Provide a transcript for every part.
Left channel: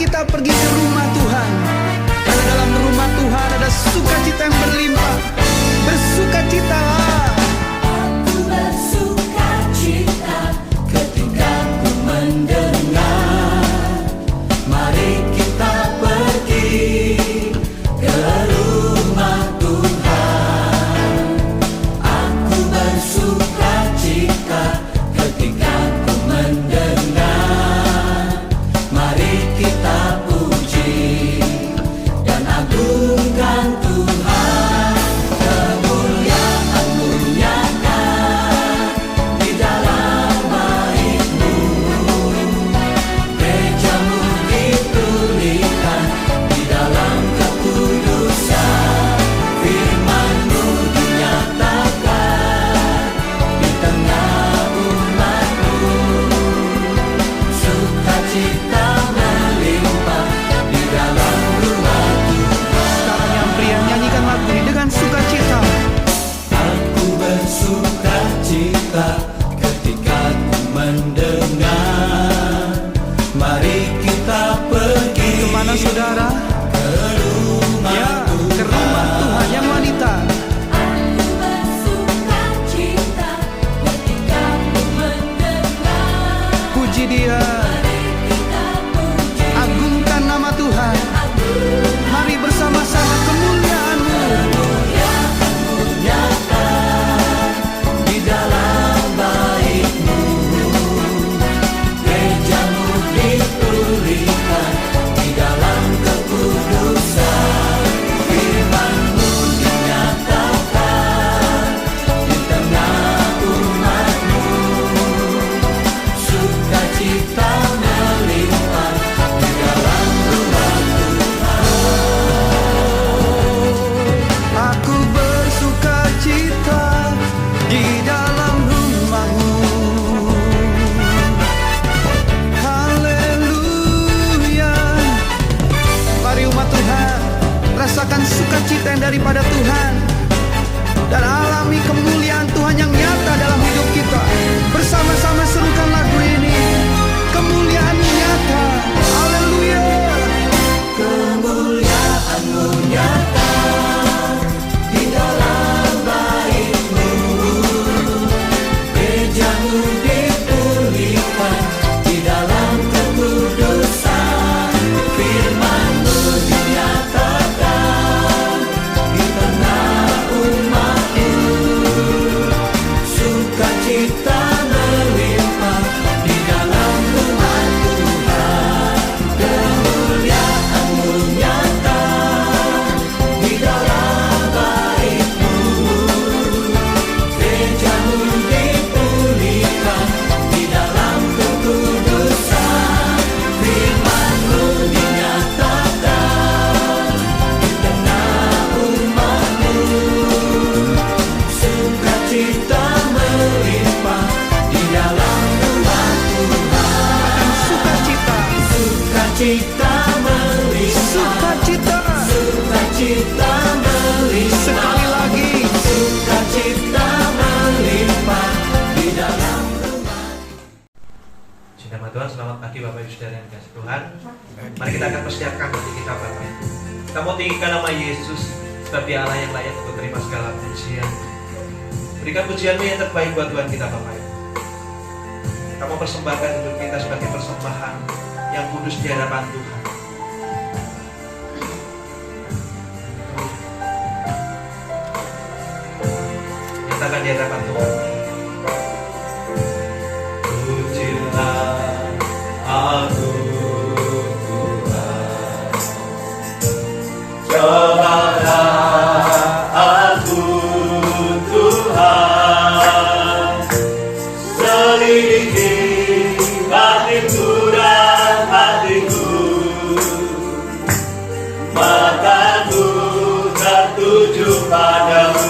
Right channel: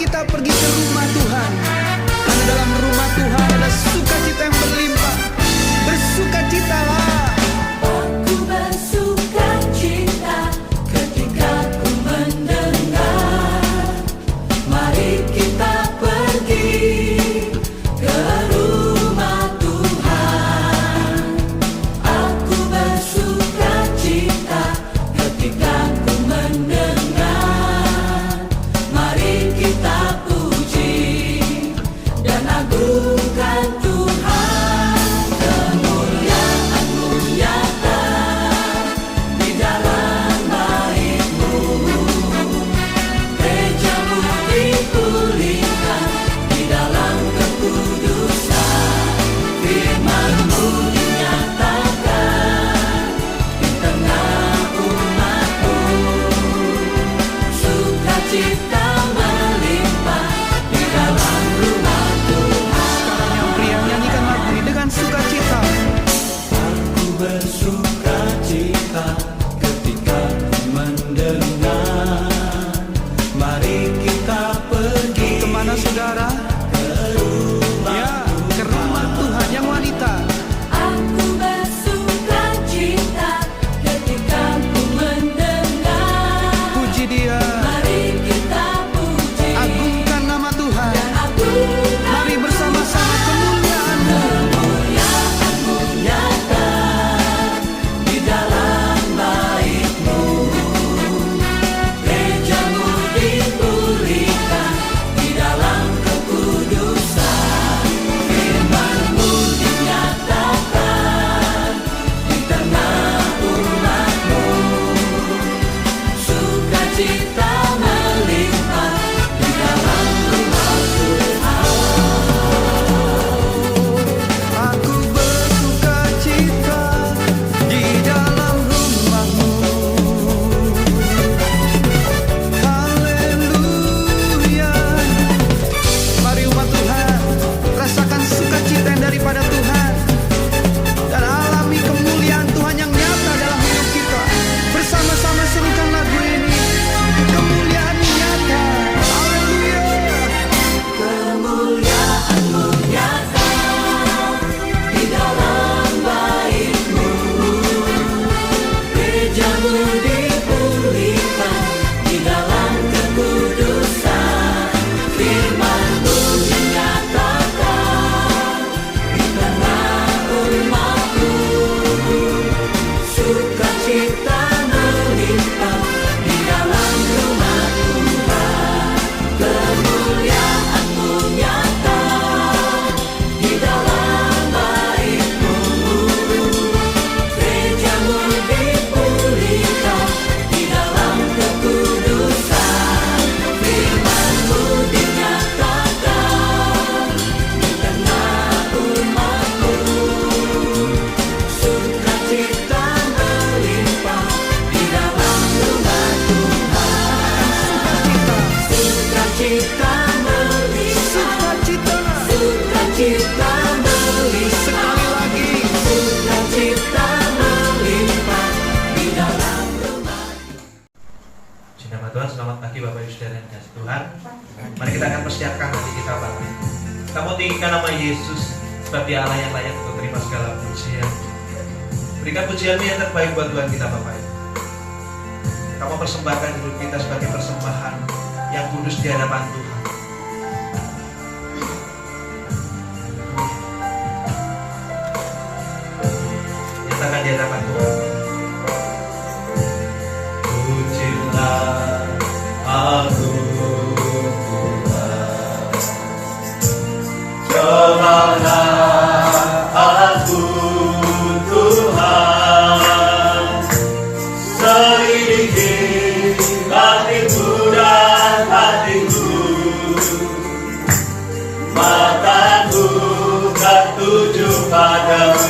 kita pergi ke rumah Tuhan, karena dalam rumah Tuhan ada sukacita yang berlimpah. Bersukacitalah. Aku bersukacita ketika ku mendengar, mari kita pergi ke rumah Tuhan. Aku bersukacita ketika ku mendengar, mari kita puji dan agungkan Tuhan. Kemuliaan-Mu nyata di dalam bait-Mu, gereja-Mu dipulihkan di dalam kekudusan. Firman-Mu dinyatakan di tengah umat-Mu, sukacita melimpah di dalam rumah Tuhan. Sekarang yang pria, nyanyikan lagu ini dengan sukacita. Aku bersukacita ketika ku mendengar, mari kita pergi. Kemana saudara? Ya, ke rumah Tuhan yang wanita. Aku bersukacita ketika ku mendengar, Puji Dia, mari kita puji agungkan nama Tuhan. agungkan Mari bersama-sama kemuliaan-Mu. kemuliaan-Mu nyata di dalam bait-Mu, gereja-Mu dipulihkan di dalam kekudusan. Firman-Mu dinyatakan di tengah umat-Mu, sukacita melimpah di dalam rumah Tuhan. Aku bersukacita di dalam rumah-Mu. Haleluya. Mari umat Tuhan, rasakan sukacita yang daripada Tuhan, dan alami kemuliaan Tuhan yang nyata dalam hidup kita. Bersama-sama serukan lagu ini. Kemuliaan-Mu nyata. Haleluya. Kemuliaan-Mu nyata di dalam bait-Mu, gereja-Mu dipulihkan di dalam kekudusan. Firman-Mu dinyatakan di tengah umat-Mu, sukacita melimpah di dalam rumah Tuhan. Kemuliaan-Mu nyata di dalam bait-Mu, gereja-Mu dipulihkan di dalam kekudusan. Firman-Mu dinyatakan di tengah umat-Mu, sukacita melimpah di dalam rumah Tuhan. Katakan sukacita. Sukacita melimpah, Sukacita. sukacita melimpah, Sekali lagi. sukacita melimpah di dalam rumah. Cinta Tuhan, selamat pagi Bapak Ibu Saudara yang dikasihi Tuhan. Mari kita akan persiapkan hati kita Bapak Ibu. Kita mau tinggikan nama Yesus, sebab Dia Allah yang layak untuk terima segala pujian. Berikan pujian-Mu yang terbaik buat Tuhan kita Bapak Ibu. Kamu persembahkan hidup kita sebagai persembahan yang kudus di hadapan Tuhan. Nyatakan di hadapan Tuhan. Pujilah aku Tuhan, cobalah aku Tuhan, selidiki hatiku dan hatiku, mataku tertuju padamu.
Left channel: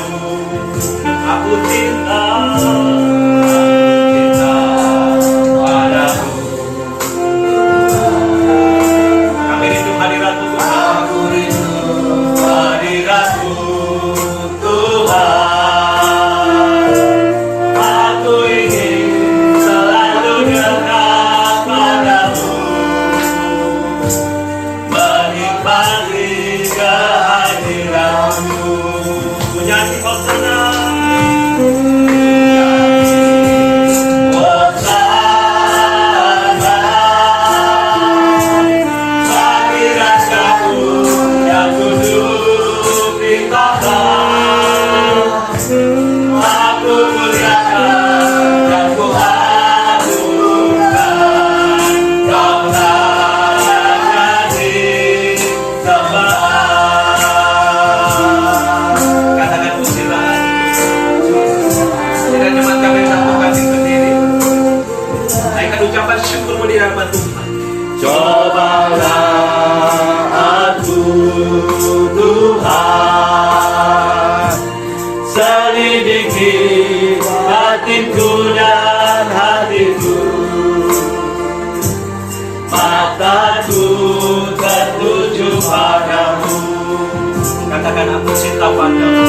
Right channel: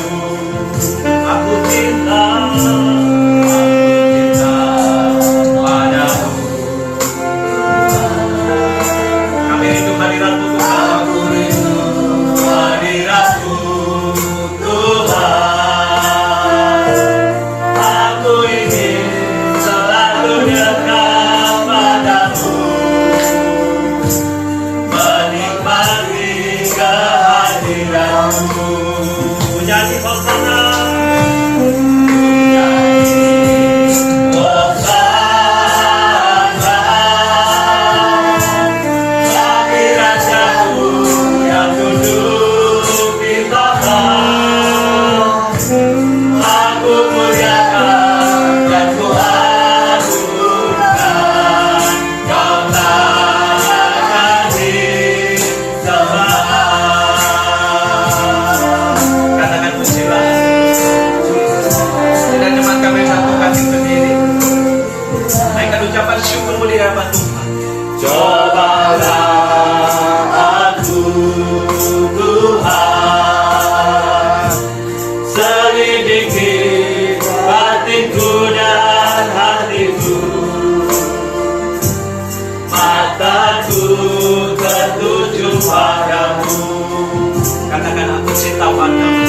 Aku cinta padamu. Kami rindu hadirat-Mu Tuhan. Aku rindu hadirat-Mu Tuhan. Aku ingin selalu dekat padamu. Katakan aku cinta padamu.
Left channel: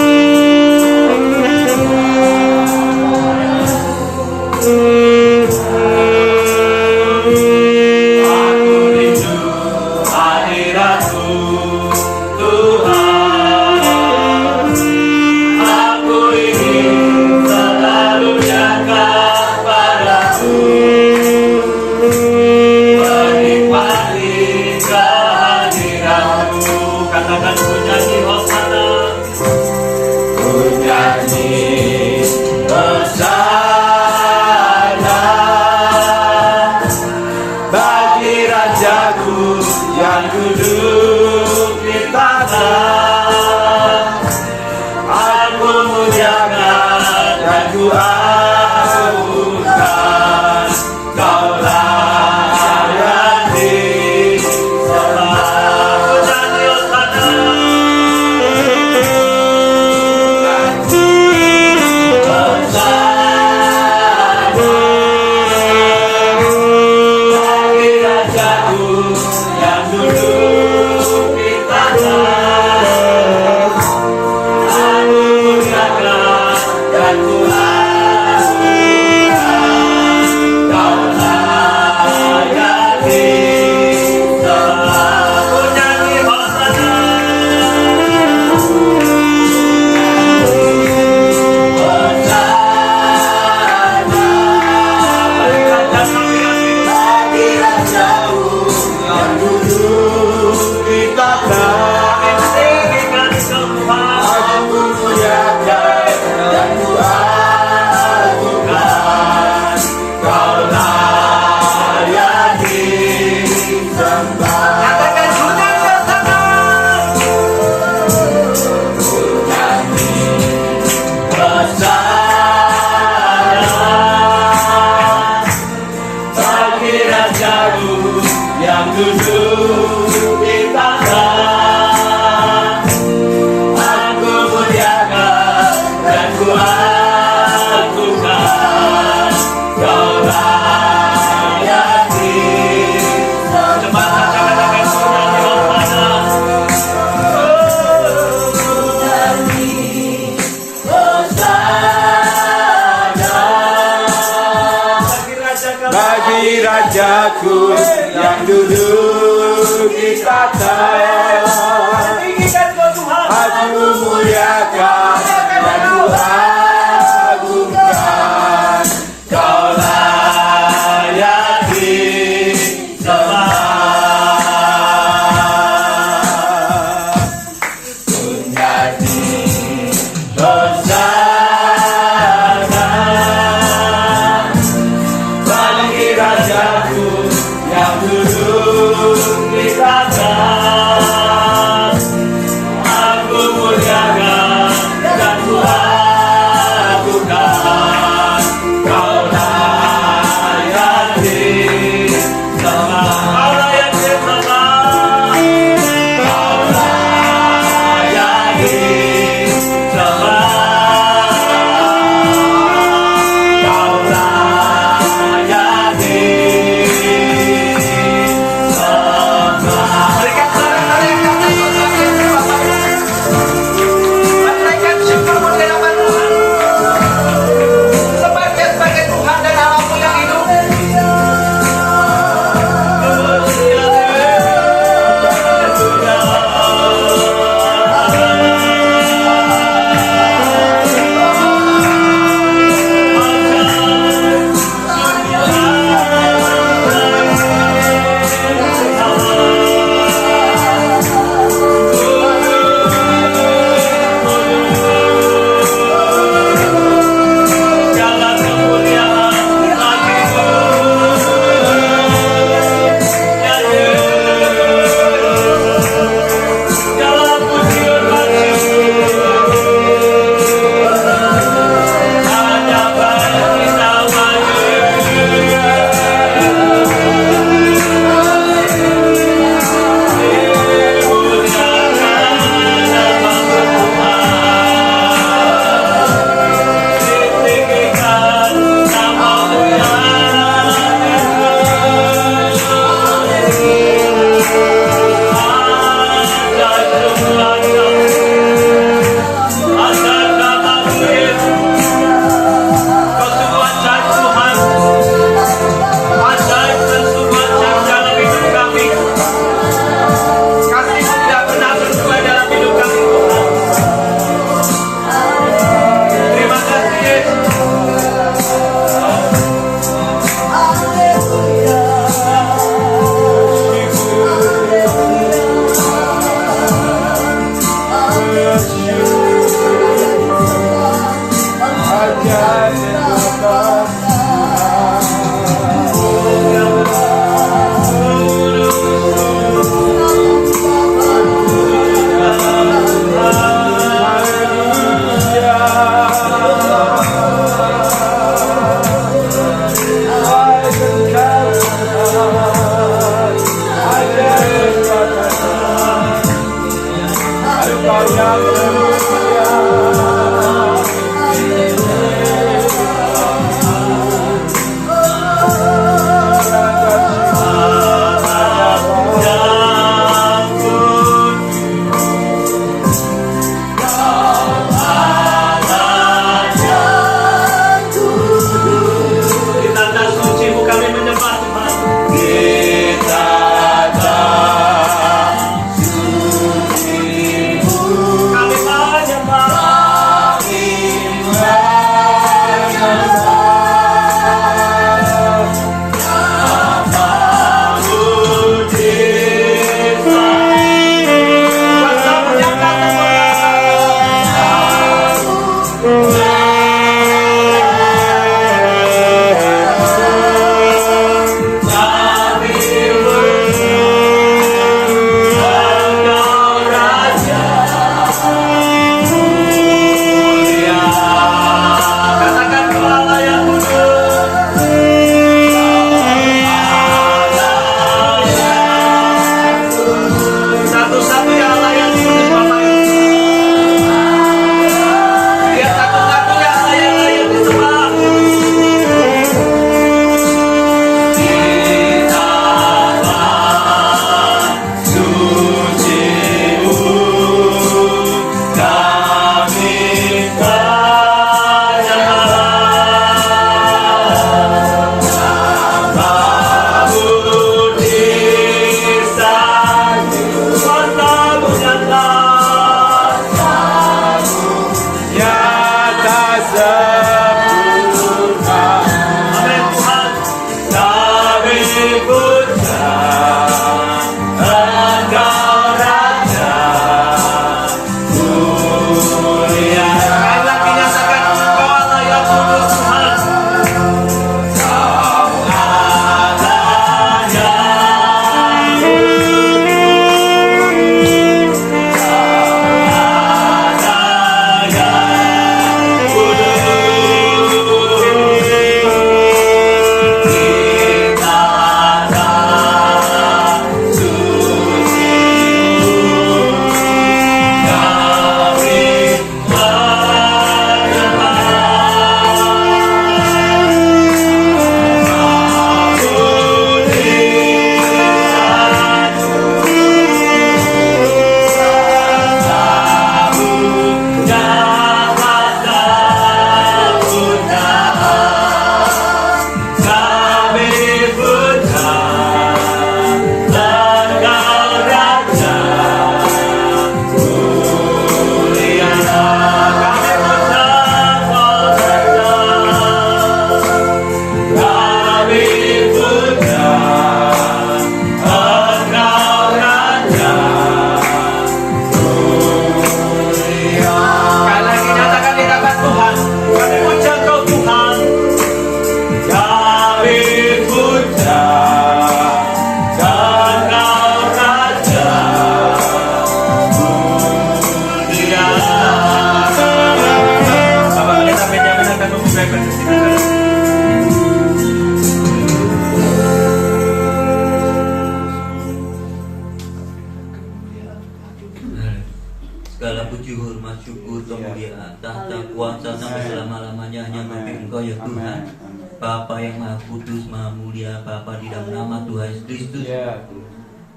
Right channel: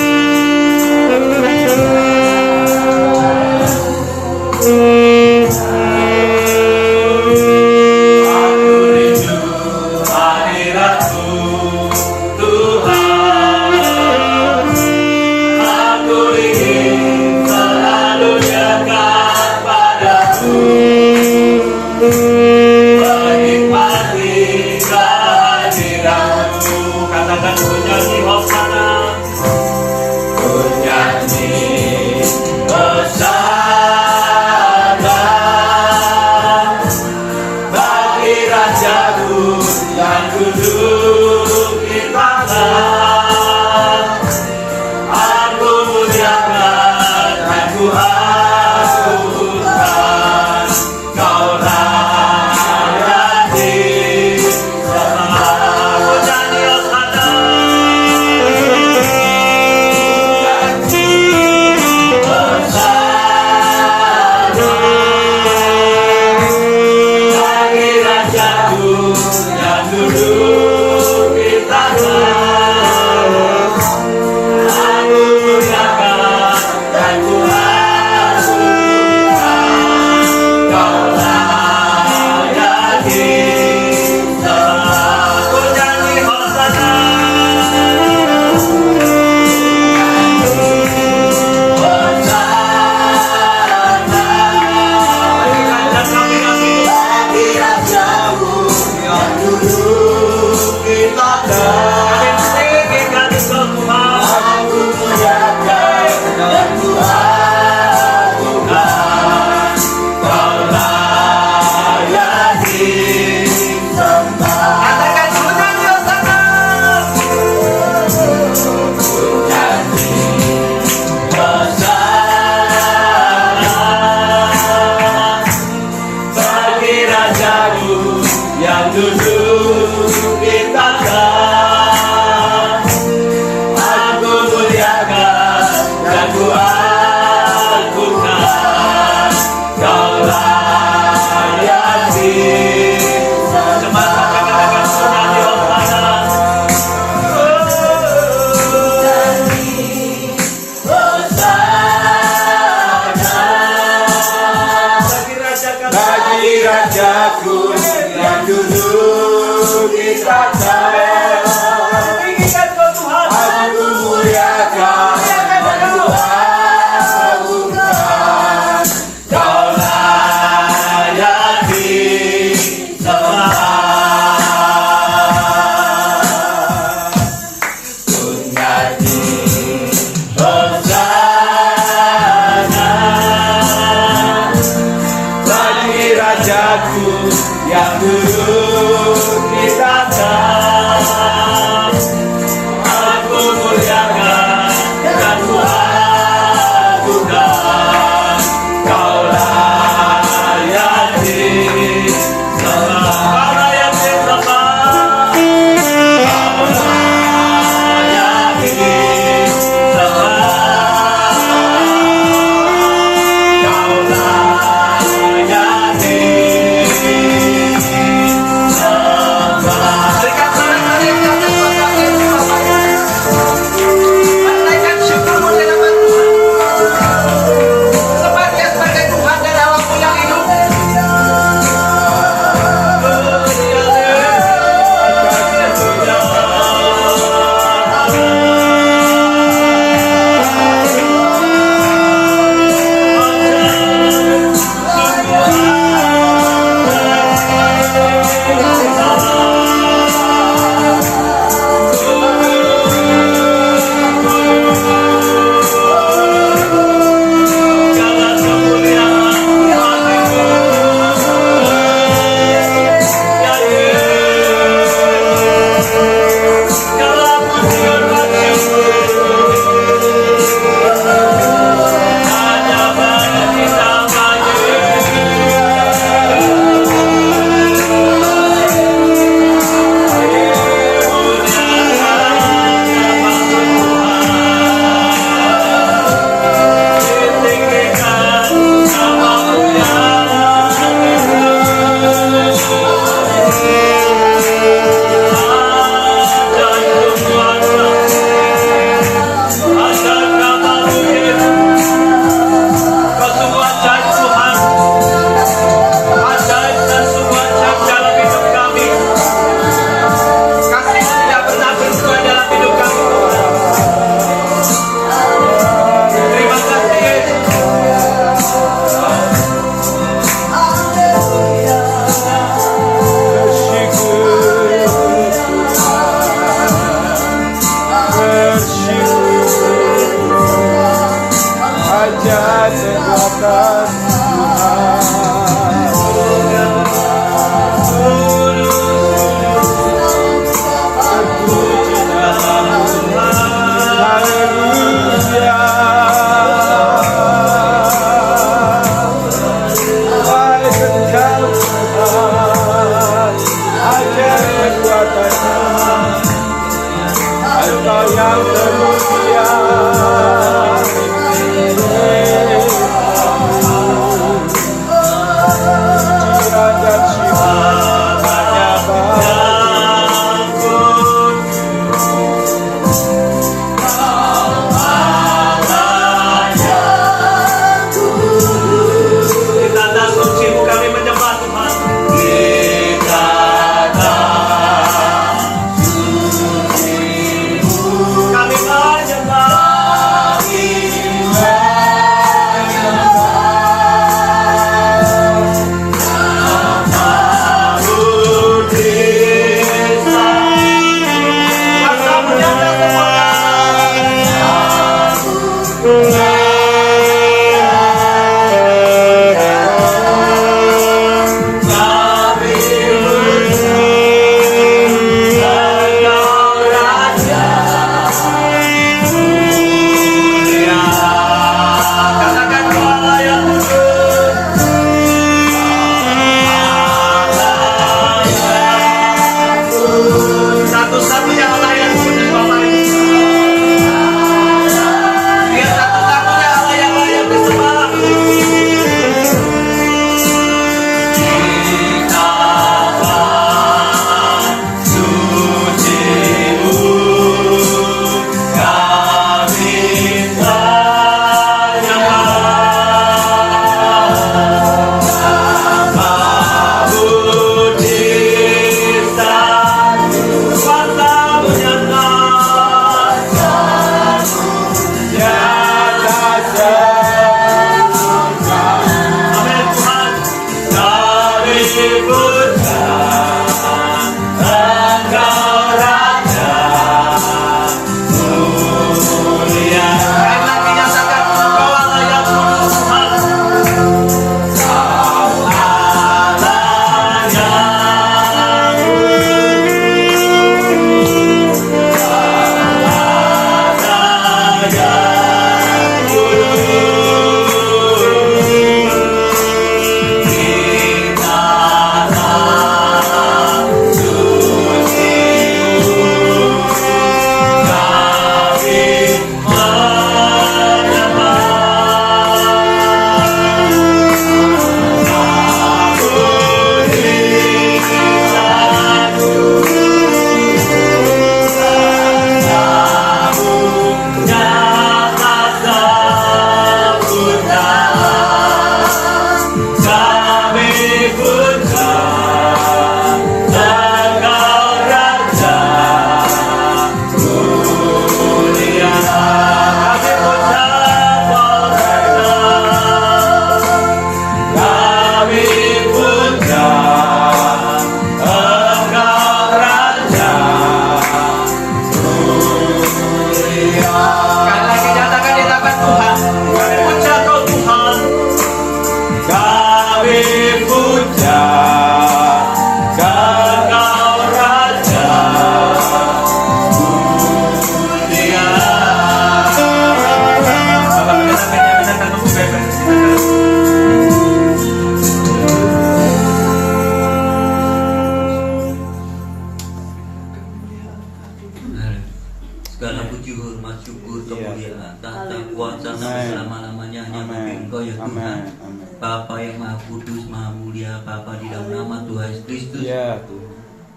Segala puji, hormat, syukur, kemuliaan, tahta kuasa sampai selama-lamanya hanya bagi Engkau ya Tuhan. Bapa yang Maha Kudus, Maha Mulia, Bapa di dalam nama Tuhan Yesus Kristus.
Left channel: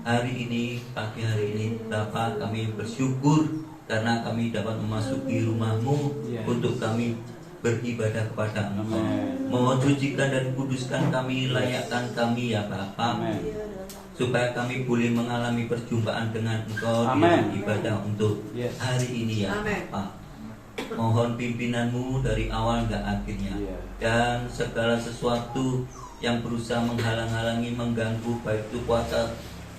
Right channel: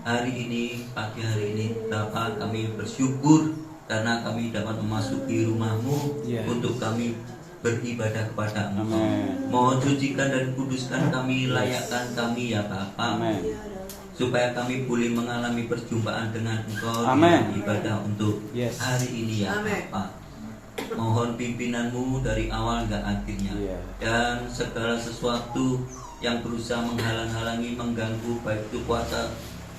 Hari ini, pagi hari ini, Bapa kami bersyukur karena kami dapat memasuki rumah-Mu untuk kami beribadah kepada Engkau. Mohon sucikan dan kuduskan kami, layakkan kami ya Bapa. Supaya kami boleh mengalami perjumpaan dengan Engkau dalam ibadah untuk hari ini ya Bapa. Mohon pimpinanmu dari awal hingga akhirnya. Dan segala sesuatu yang berusaha menghalang-halangi, mengganggu, baik itu kuasa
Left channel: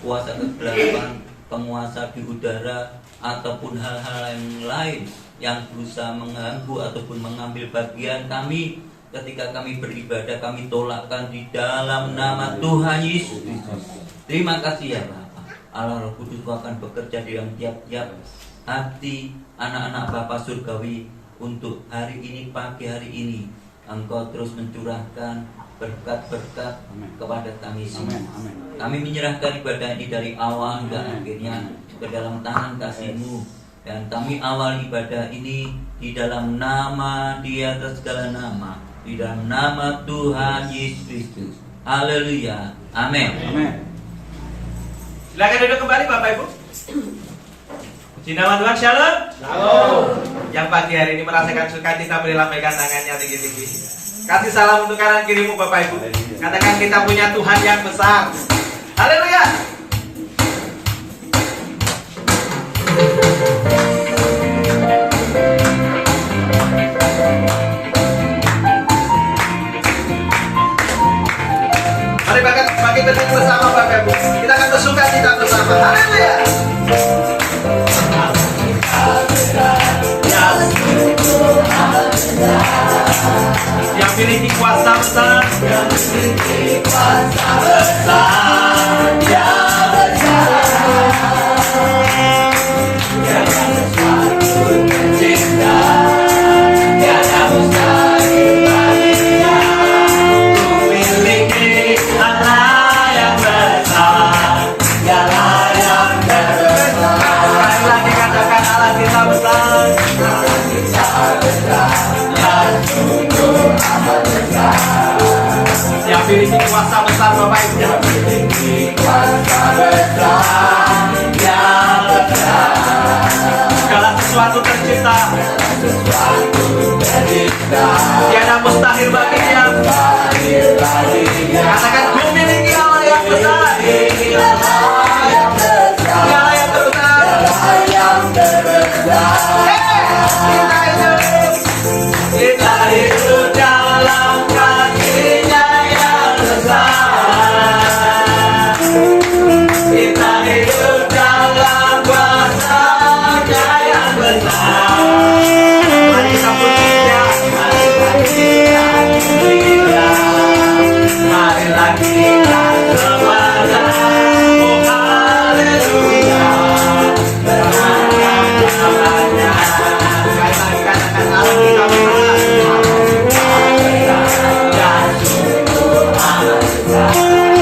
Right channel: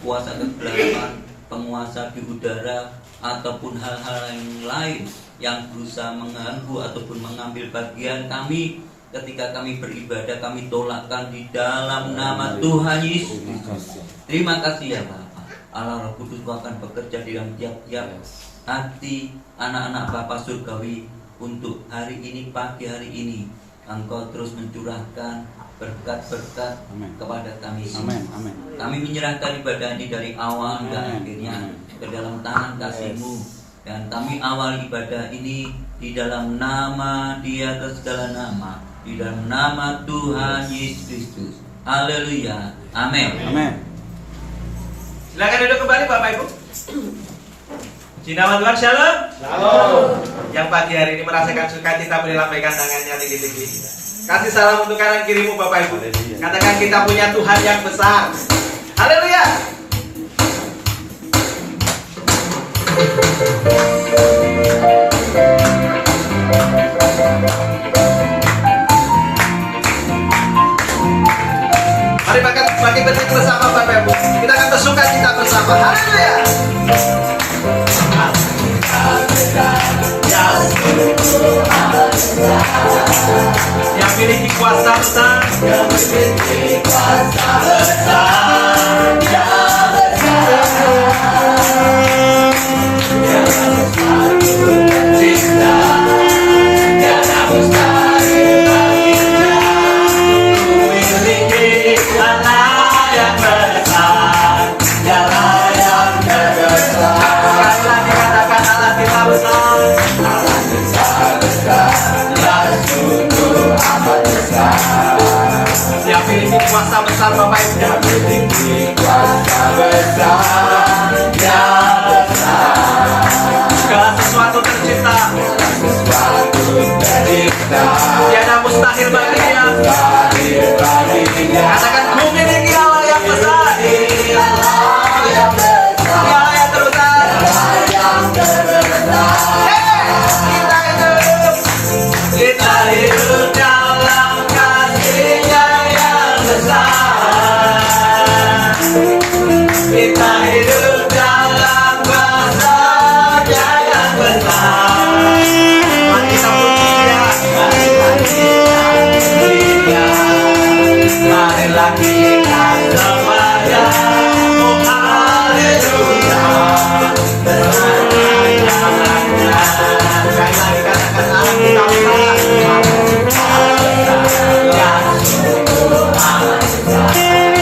kegelapan, penguasa di udara, ataupun hal-hal yang lain yang berusaha mengganggu ataupun mengambil bagian kami ketika kami beribadah, kami tolakkan di dalam nama Tuhan Yesus Kristus. Terima kasih ya Bapak. Allah Roh Kudus akan bekerja di dalam tiap-tiap hati anak-anak Bapa surgawi untuk hari ini, pagi hari ini. Engkau terus mencurahkan berkat-berkat kepada kami semua. Kami menyerahkan ibadah ini dari awal hingga akhirnya ke dalam tangan kasih-Mu. Dan kami awal ibadah ini di dalam nama di atas segala nama, di dalam nama Tuhan Yesus Kristus. Haleluya. Amin. Silakan duduk kembali Bapak Ibu. Puji nama Tuhan, shalom. Shalom. Yang pagi hari ini merasakan sukacita, boleh lambaikan tangannya tinggi-tinggi. Kasih salam untuk kanan kirimu Bapak Ibu. Katakan kita punya Tuhan yang besar. Haleluya. Mari bagi berdiri bersama Bapak Ibu. Kita akan bersukacita bersama. Haleluya. Yang memiliki kuasa besar, yang memiliki kuasa besar, yang cinta, tiada mustahil baginya. Memiliki Allah yang besar, Allah yang terbesar. Sekali lagi katakan Allah kita besar. Allah kita besar. Yang memiliki kuasa besar Bapak Ibu, yang memiliki kuasa besar, yang besar. Segala sesuatu tercipta, tiada mustahil baginya. Katakan ku miliki Allah yang besar, Allah yang besar, Allah yang terbesar. Kita hidup dalam kasih-Nya yang besar. Kita hidup dalam kuasa-Nya yang besar. Mari kita puji-Nya, marilah kita semuanya. Oh haleluya. Namanya. Sekali lagi katakan Allah kita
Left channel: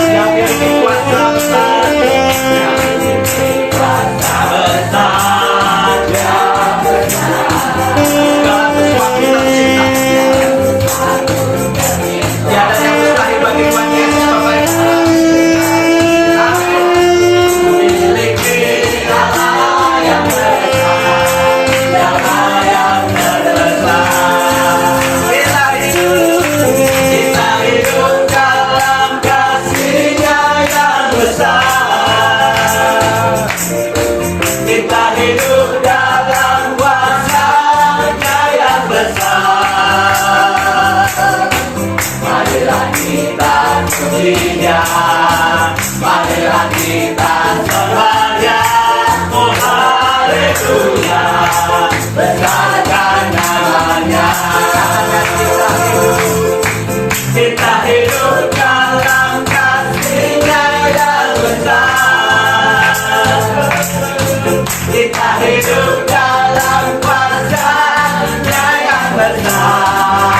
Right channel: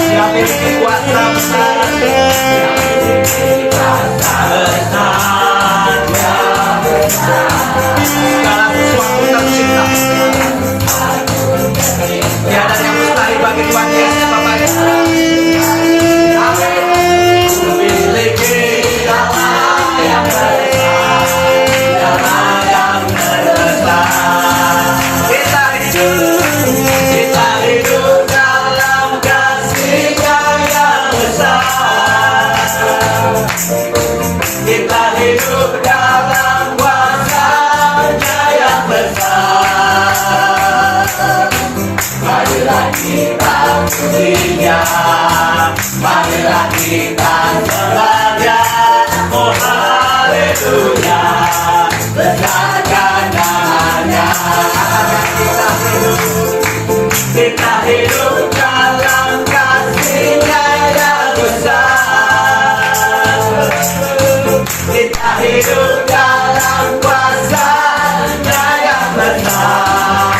yang memiliki kuasa besar, yang memiliki kuasa besar, yang besar. Segala sesuatu tercipta, tiada yang mustahil bagi Tuhan Yesus Bapak Ibu. Memiliki Allah yang besar, Allah yang besar. Kita hidup dalam kasih-Nya yang besar. Kita hidup dalam kuasa-Nya yang besar. Marilah kita puji-Nya, marilah kita sembah-Nya. Oh haleluya, besarkan namanya. Kita hidup dalam kasih-Nya yang besar. Kita hidup dalam kuasa-Nya yang besar.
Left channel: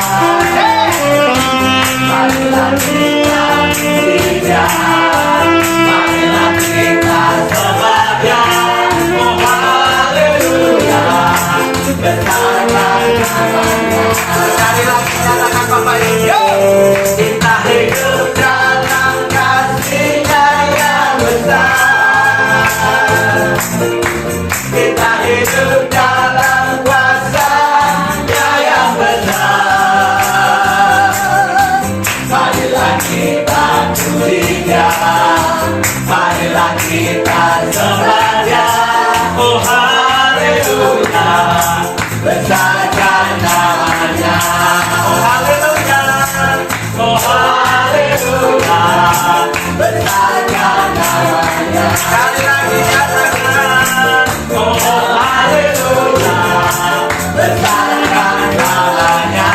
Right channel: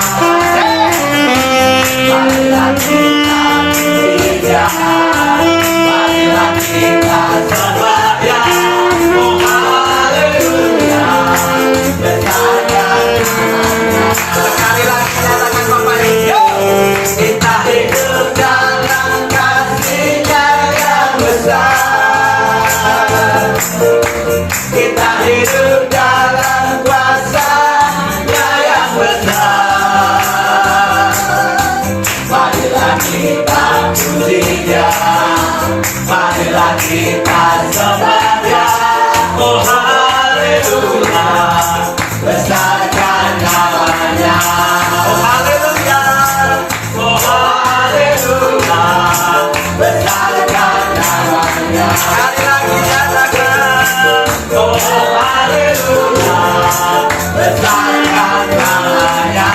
kita puji Dia, marilah kita sembah Dia. Oh haleluya, besarkan namanya. Oh haleluya, oh haleluya, besarkan namanya. Sekali lagi nyatakan, oh haleluya, besarkan namanya.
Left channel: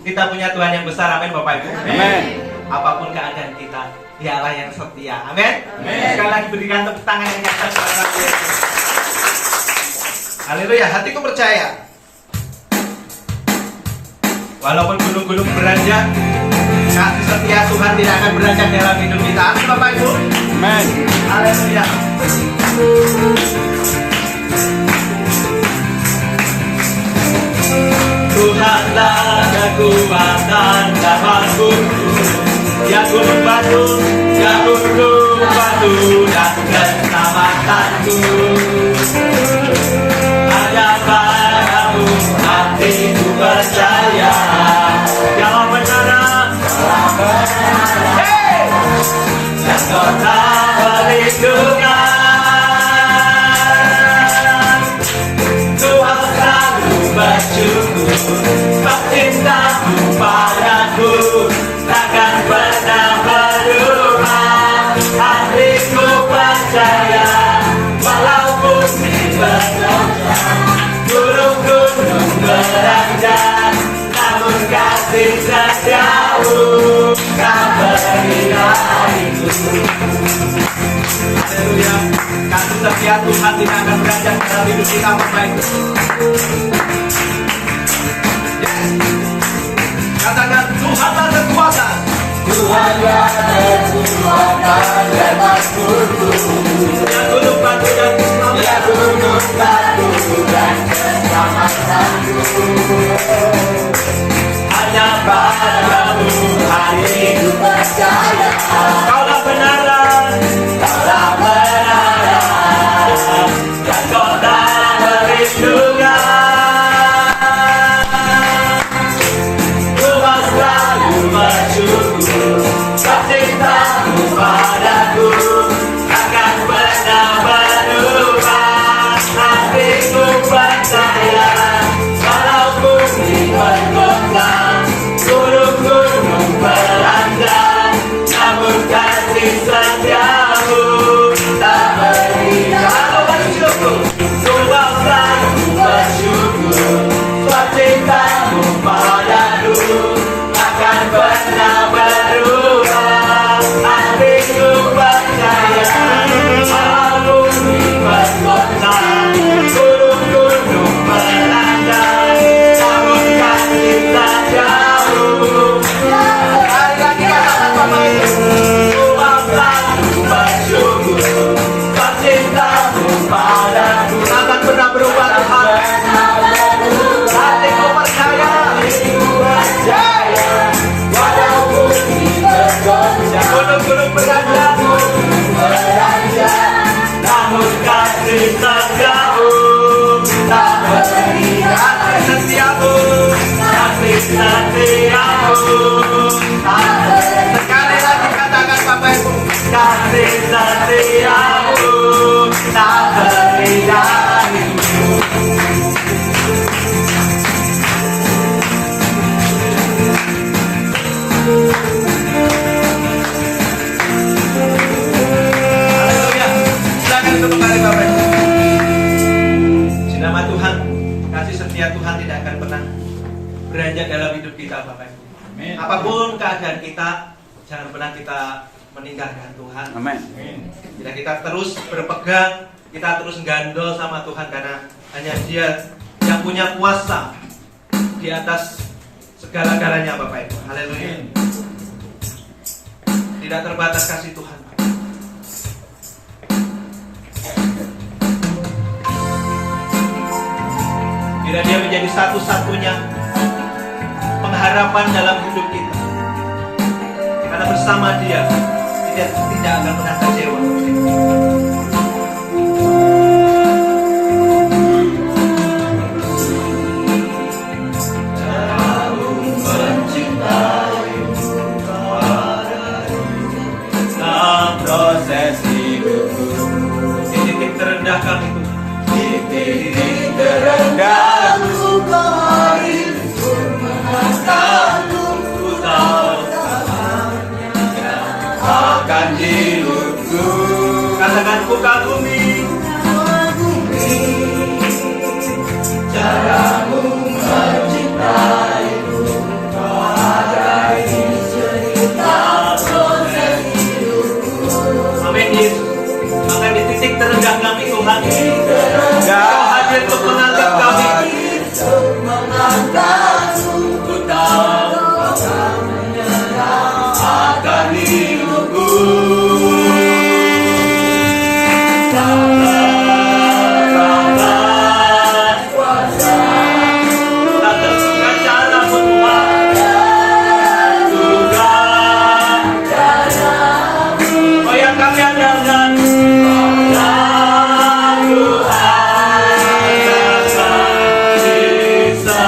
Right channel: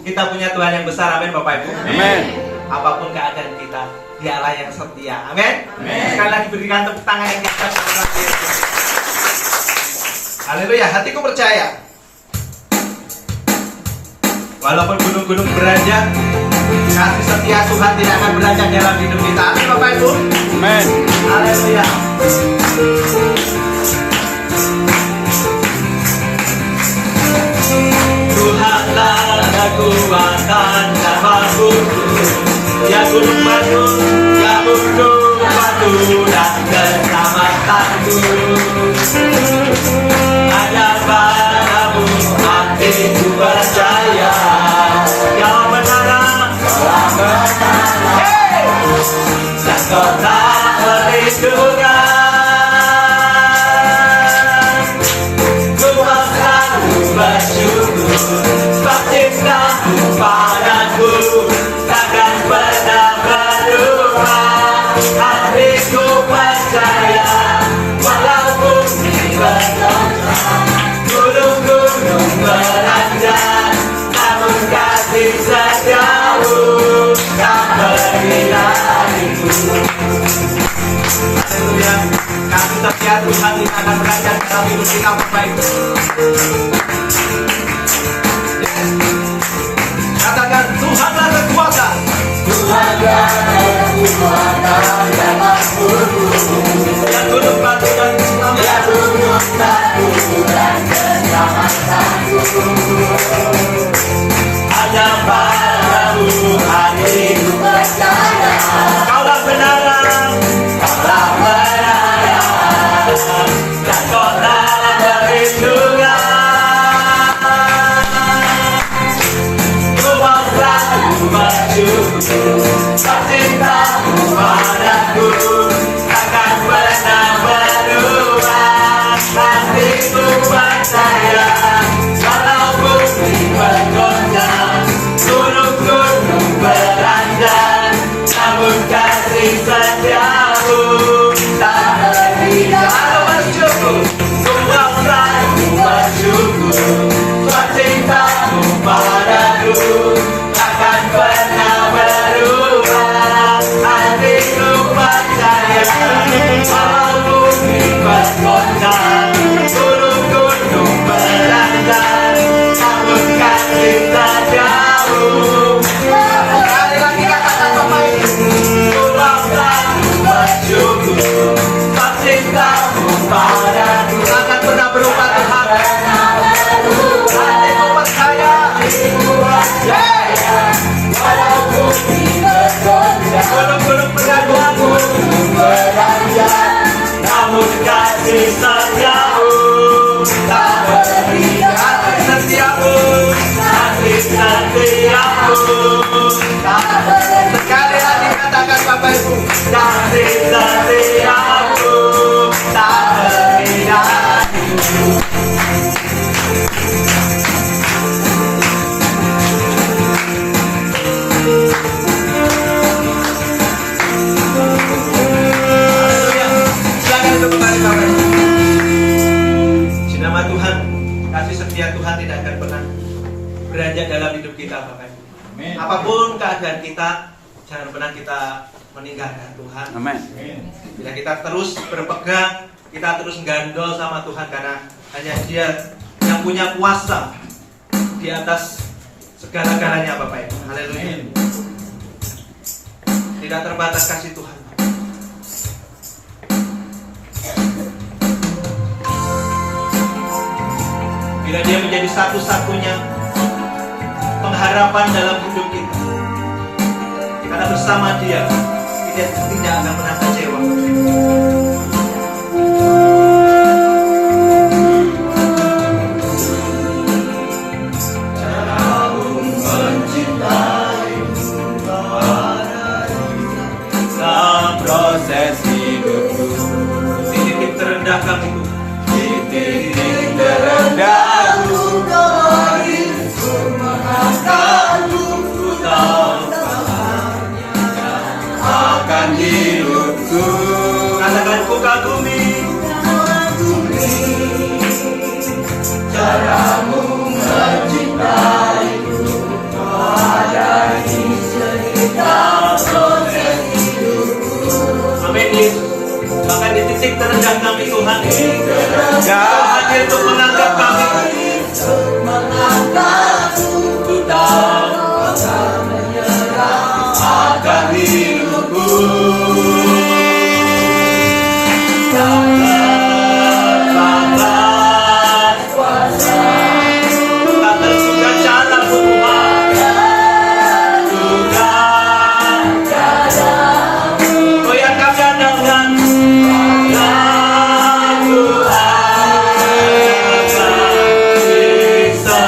Kita punya Tuhan yang besar, amin Bapak Ibu. Amin. Apapun keadaan kita, Dialah yang setia, amin. Sekali lagi berikan tepuk tangan yang keras kepada Yesus. Haleluya, hatiku percaya. Walaupun gunung-gunung beranjak, kasih setia Tuhan tidak akan beranjak dalam hidup kita, amin Bapak Ibu. Amin. Haleluya. Tuhanlah kekuatan dan makhlukku, ya gunung batu, ya gunung batu dan keselamatanku. Hanya padamu hatiku percaya, Kau menara, hey! Dan kota perlindungan. Tuhan selalu bersyukur, sebab cintamu padaku takkan pernah berubah. Hatiku percaya, walaupun gunung-gunung beranjak, namun kasih setiamu tak berilah hatiku. Haleluya, kasih setia Tuhan tidak akan beranjak dalam hidup kita Bapak Ibu. Katakan, Tuhanlah kekuatan. Tuhanlah kekuatan dan makhlukku, Ya gunung batu dan ya gunung batu dan keselamatanku. hanya padamu Hatiku percaya, Kaulah benaran, Kaulah benaran, dan Kaulah perlindungan. Tuhan selalu bersyukur, sebab cintamu padaku takkan pernah berubah. Hatiku percaya, walaupun ribuan kota, gunung-gunung beranjak, namun kasih setiamu tak berhijau. Bersyukur, Tuhan selalu bersyukur, sebab cintamu padaku takkan pernah berubah. Hatiku percaya, walaupun ribuan kota, gunung-gunung beranjak, namun kasih setiamu. Sekali lagi katakan Bapak Ibu, Tuhan selalu bersyukur, sebab cintamu padaku Takkan pernah berubah Tuhan. hatiku percaya, walaupun bergoncang, Gunung-gunung beranjak, beranjak, namun kasih setiamu tak berhijau. kasih setiamu. Kasih setiamu tak berhijau. Sekali lagi katakan Bapak Ibu, Kasih setiamu tak berhijau. haleluya. Silakan untuk kembali Bapak Ibu. Nama Tuhan, kasih setia Tuhan tidak akan pernah beranjak dalam hidup kita Bapak Ibu. Apapun keadaan kita, jangan pernah kita meninggalkan Tuhan. Amin. Bila kita terus berpegang, kita terus gandol sama Tuhan, karena hanya Dia yang punya kuasa di atas segala-galanya Bapak Ibu. Haleluya. Tidak terbatas kasih Tuhan. Bila Dia menjadi satu-satunya pengharapan dalam hidup kita, karena bersama Dia tidak akan pernah kecewa. terendah kami Tuhan. Di titik terendahku Ku tahu akan hidupku. katakan ku kagumi Caramu mencintaiku, ada di cerita proses hidupku. amin Yesus. Bahkan di titik terendah kami Tuhan, Kau hadir untuk menganggap kami. Ku tahu akan hidupku. Tata suka caramu Tuhan, oh yang kami andalkan. Aku akan bisa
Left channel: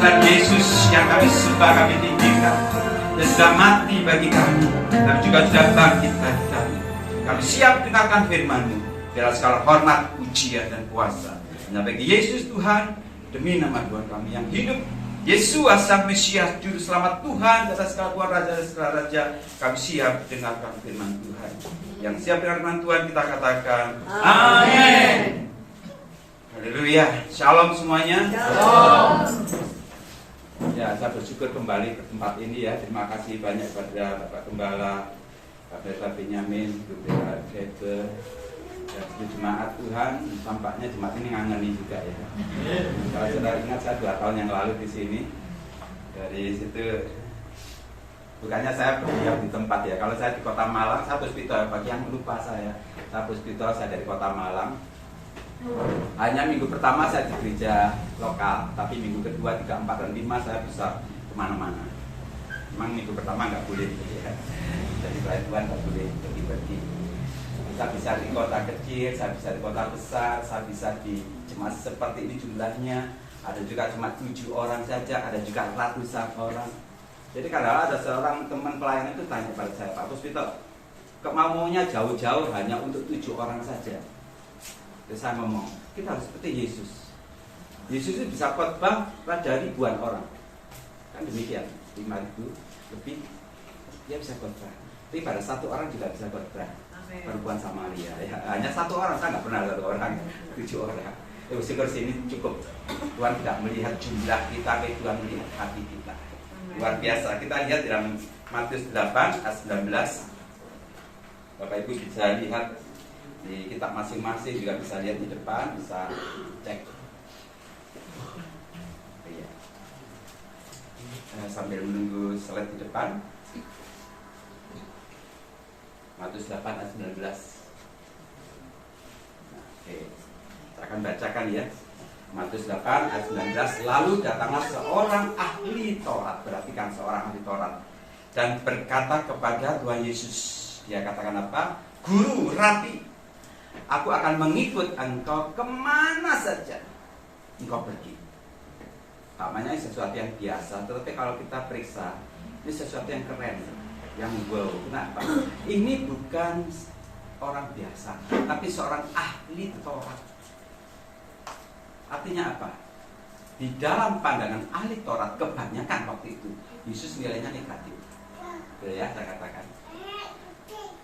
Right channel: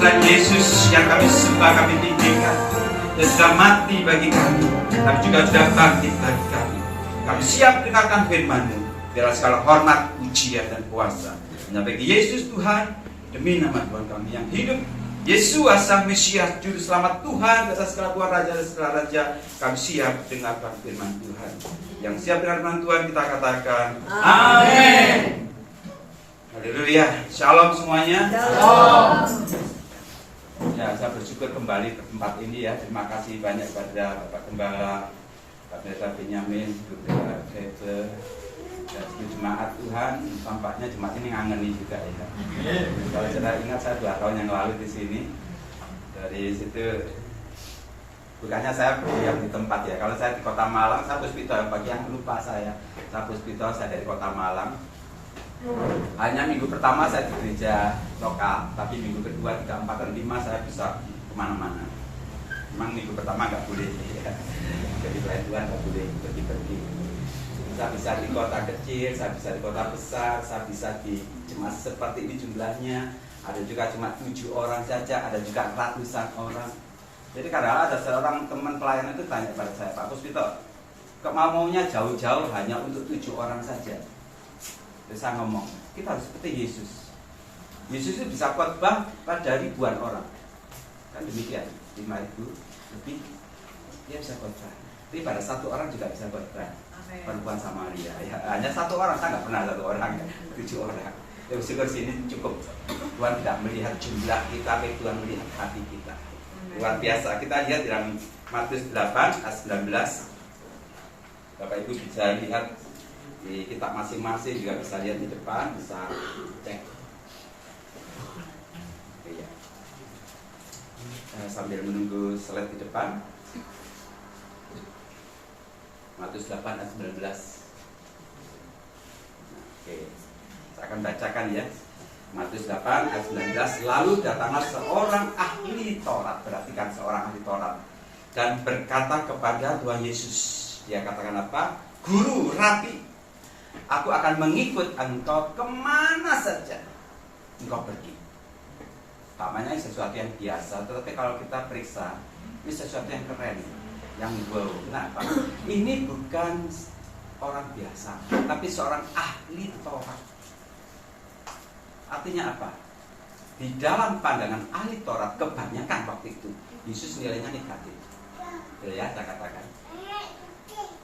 selain Yesus yang kami sembah, kami tinggikan, dan sudah mati bagi kami, tapi juga sudah bangkit bagi kami. Kami siap dengarkan firman-Mu. Biarlah segala hormat, pujian, dan kuasa hanya bagi Yesus Tuhan, demi nama Tuhan kami yang hidup, Yesus Sang Mesias, Juru Selamat Tuhan, di atas segala Tuhan, Raja dan segala Raja. Kami siap dengarkan firman Tuhan. Yang siap dengar firman Tuhan, kita katakan amin. Haleluya. Shalom semuanya. Shalom. Ya, saya bersyukur kembali ke tempat ini ya. Terima kasih banyak kepada Bapak Gembala, Pak Pendeta Benyamin, Gembala Kete, dan jemaat Tuhan. Tampaknya jemaat ini ngangeni juga ya. Kalau saudara ingat, saya 2 tahun yang lalu di sini. Dari situ bukannya saya berdiam di tempat ya. Kalau saya di Kota Malang, saya Puspito. Bagi yang lupa saya Puspito, saya dari Kota Malang. Hanya minggu pertama saya di gereja lokal, tapi minggu kedua, 3, 4, dan 5 saya bisa kemana-mana. Memang minggu pertama nggak boleh ya. Jadi pelayan Tuhan nggak boleh pergi-pergi. Saya bisa di kota kecil, saya bisa di kota besar, saya bisa di jemaat seperti ini jumlahnya. Ada juga cuma 7 orang saja, ada juga ratusan orang. Jadi kadang ada seorang teman pelayan itu tanya pada saya, Pak Puspito, kemauannya jauh-jauh hanya untuk 7 orang saja. Terus saya ngomong, kita harus seperti Yesus. Yesus itu bisa khotbah pada ribuan orang. Kan demikian, 5.000 lebih dia bisa khotbah. Tapi pada 1 orang juga bisa khotbah. Perempuan Samaria ya, hanya 1 orang, saya nggak pernah 1 orang, 7 orang. Ya bersyukur sini cukup. Tuhan tidak melihat jumlah kita, tapi Tuhan melihat hati kita. Luar biasa. Kita lihat dalam Matius 8 ayat 19. Bapak Ibu bisa lihat di kitab masing-masing, juga bisa lihat di depan, bisa cek. Ya. Sambil menunggu slide di depan. Matius 8 ayat 19. Oke, saya akan bacakan ya. Matius 8 ayat 19. Lalu datanglah seorang ahli Taurat, berarti kan seorang ahli Taurat, dan berkata kepada Tuhan Yesus. Dia katakan apa? Guru, Rabi, aku akan mengikut engkau kemana saja engkau pergi. Namanya sesuatu yang biasa, tetapi kalau kita periksa, ini sesuatu yang keren, yang wow. Kenapa? Ini bukan orang biasa, tapi seorang ahli Taurat. Artinya apa? Di dalam pandangan ahli Taurat kebanyakan waktu itu Yesus nilainya negatif. Ya, saya katakan.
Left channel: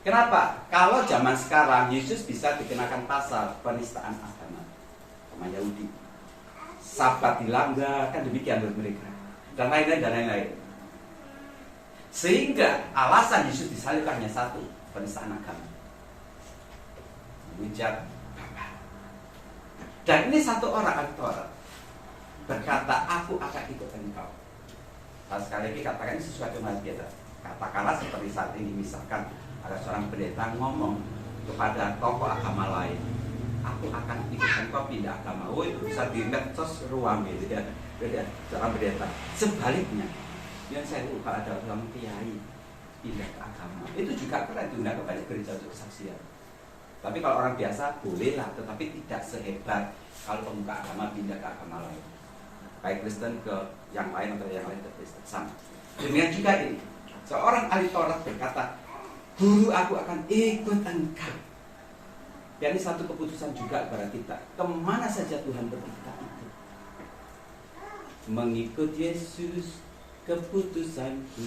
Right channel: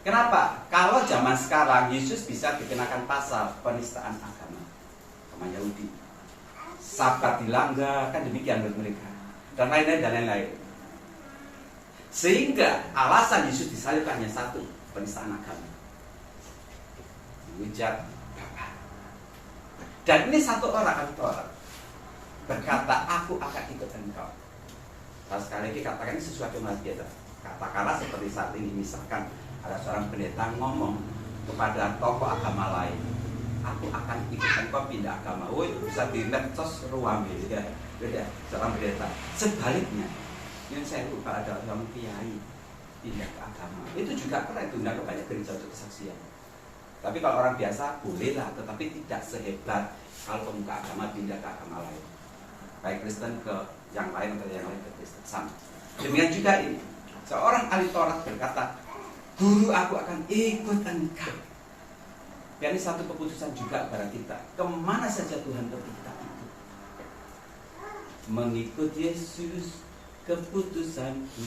Kenapa? Kalau zaman sekarang Yesus bisa dikenakan pasal penistaan agama sama Yahudi, Sabat dilanggar, kan demikian menurut mereka, dan lain-lain dan lain-lain. Sehingga alasan Yesus disalib hanya satu, penistaan agama, menghujat Bapa. Dan ini 1 orang ahli Taurat berkata, aku akan ikut engkau. Nah, sekali lagi katakan ini sesuatu yang biasa. Katakanlah seperti saat ini, misalkan ada seorang pendeta ngomong kepada tokoh agama lain, aku akan ikut engkau pindah agama. Oh, itu bisa di medsos ruang gitu ya, seorang pendeta. Sebaliknya, yang saya lupa ada orang kiai pindah ke agama, itu juga keren, diundang ke banyak gereja untuk kesaksian. Tapi kalau orang biasa bolehlah, tetapi tidak sehebat kalau pemuka agama pindah ke agama lain, baik Kristen ke yang lain atau yang lain ke Kristen, sama. Demikian juga ini, seorang ahli Taurat berkata, guru, aku akan ikut engkau. Dan ini satu keputusan juga kepada kita. Kemana saja Tuhan pergi, kita ikut. Mengikut Yesus keputusanku,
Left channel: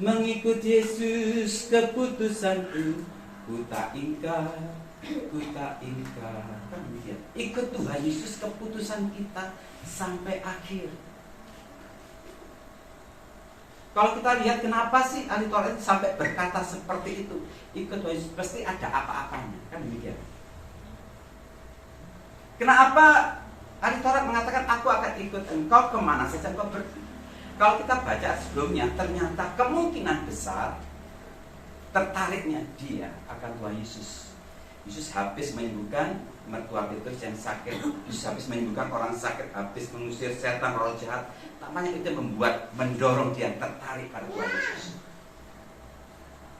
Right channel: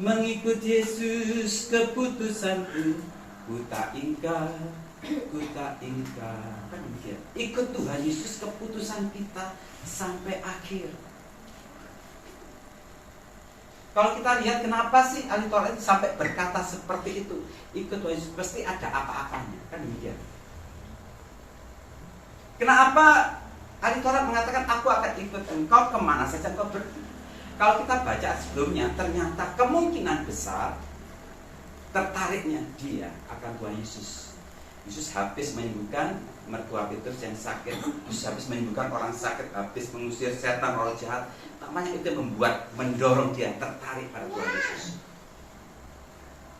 mengikut Yesus keputusanku, ku tak ingkar, ku tak ingkar. Kan demikian. Ikut Tuhan Yesus keputusan kita sampai akhir. Kalau kita lihat kenapa sih ahli Taurat sampai berkata seperti itu, ikut Tuhan Yesus, pasti ada apa-apanya, kan demikian. Kenapa ahli Taurat mengatakan aku akan ikut engkau kemana saja engkau pergi? Kalau kita baca sebelumnya, ternyata kemungkinan besar tertariknya dia akan Tuhan Yesus. Yesus habis menyembuhkan mertua Petrus yang sakit, Yesus habis menyembuhkan orang sakit, habis mengusir setan, roh jahat. Namanya itu mendorong dia tertarik pada Tuhan Yesus.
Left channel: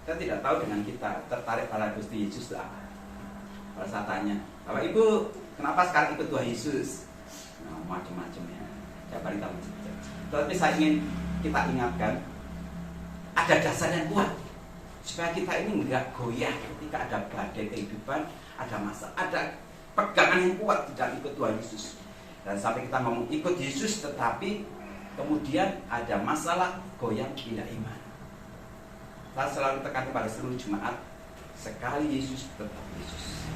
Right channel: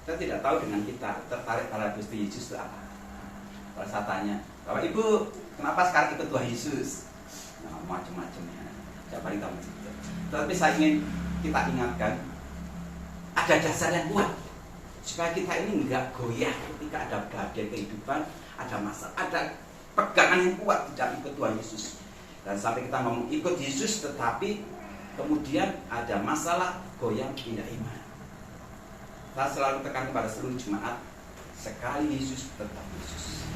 Kita tidak tahu dengan kita tertarik pada Gusti Yesus itu apa. Kalau saya tanya, Bapak Ibu, kenapa sekarang ikut Tuhan Yesus? Nah, macam-macam ya. Siapa yang tahu? Tetapi saya ingin kita ingatkan, ada dasar yang kuat supaya kita ini enggak goyah ketika ada badai kehidupan, ada masa, ada pegangan yang kuat tidak ikut Tuhan Yesus. Dan sampai kita ngomong ikut Yesus, tetapi kemudian ada masalah, goyang, pindah iman. Saya selalu tekan kepada seluruh jemaat, sekali Yesus tetap Yesus.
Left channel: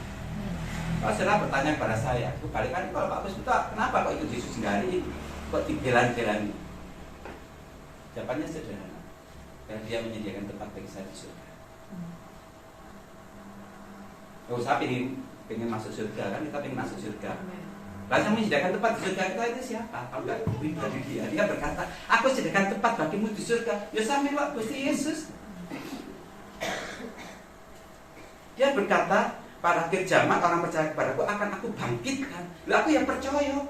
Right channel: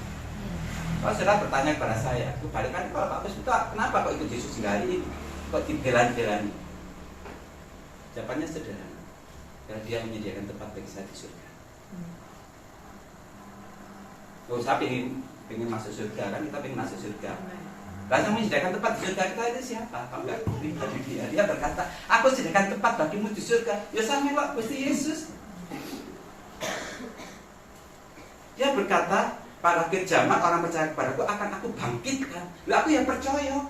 Kalau saudara bertanya kepada saya, kebalikan kalau Pak Pus, kenapa kok ikut Yesus hingga hari ini? Kok dibela-belani? Jawabannya sederhana, karena Dia menyediakan tempat bagi saya di surga. Kalau saya pengen masuk surga, kan kita pengen masuk surga. Lalu yang menyediakan tempat di surga kita itu siapa? Tahu nggak? Pribadi dia. Dia berkata, aku sediakan tempat bagimu di surga. Ya sama Pak Gusti Yesus. Dia berkata, para kejamat orang percaya kepadaku akan aku bangkitkan. Lalu aku yang percaya.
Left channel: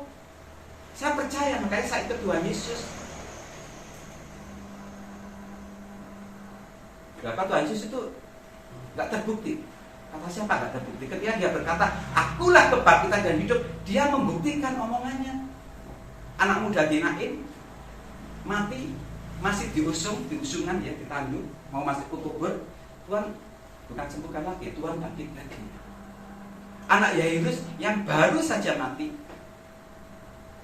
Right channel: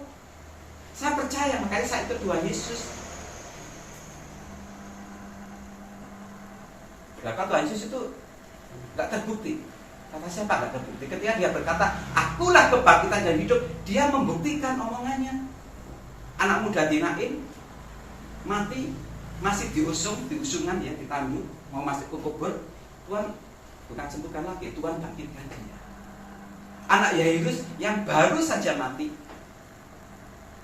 Saya percaya, makanya saya ikut Tuhan Yesus. Kenapa Tuhan Yesus itu nggak terbukti? Kata siapa nggak terbukti? Ketika dia berkata, akulah kebangkitan dan hidup, dia membuktikan omongannya. Anak muda Nain mati, masih diusungan ya, ditandu, mau masuk ke kubur. Tuhan bukan sembuhkan lagi, Tuhan bangkitkan dia. Anak Yairus yang baru saja mati,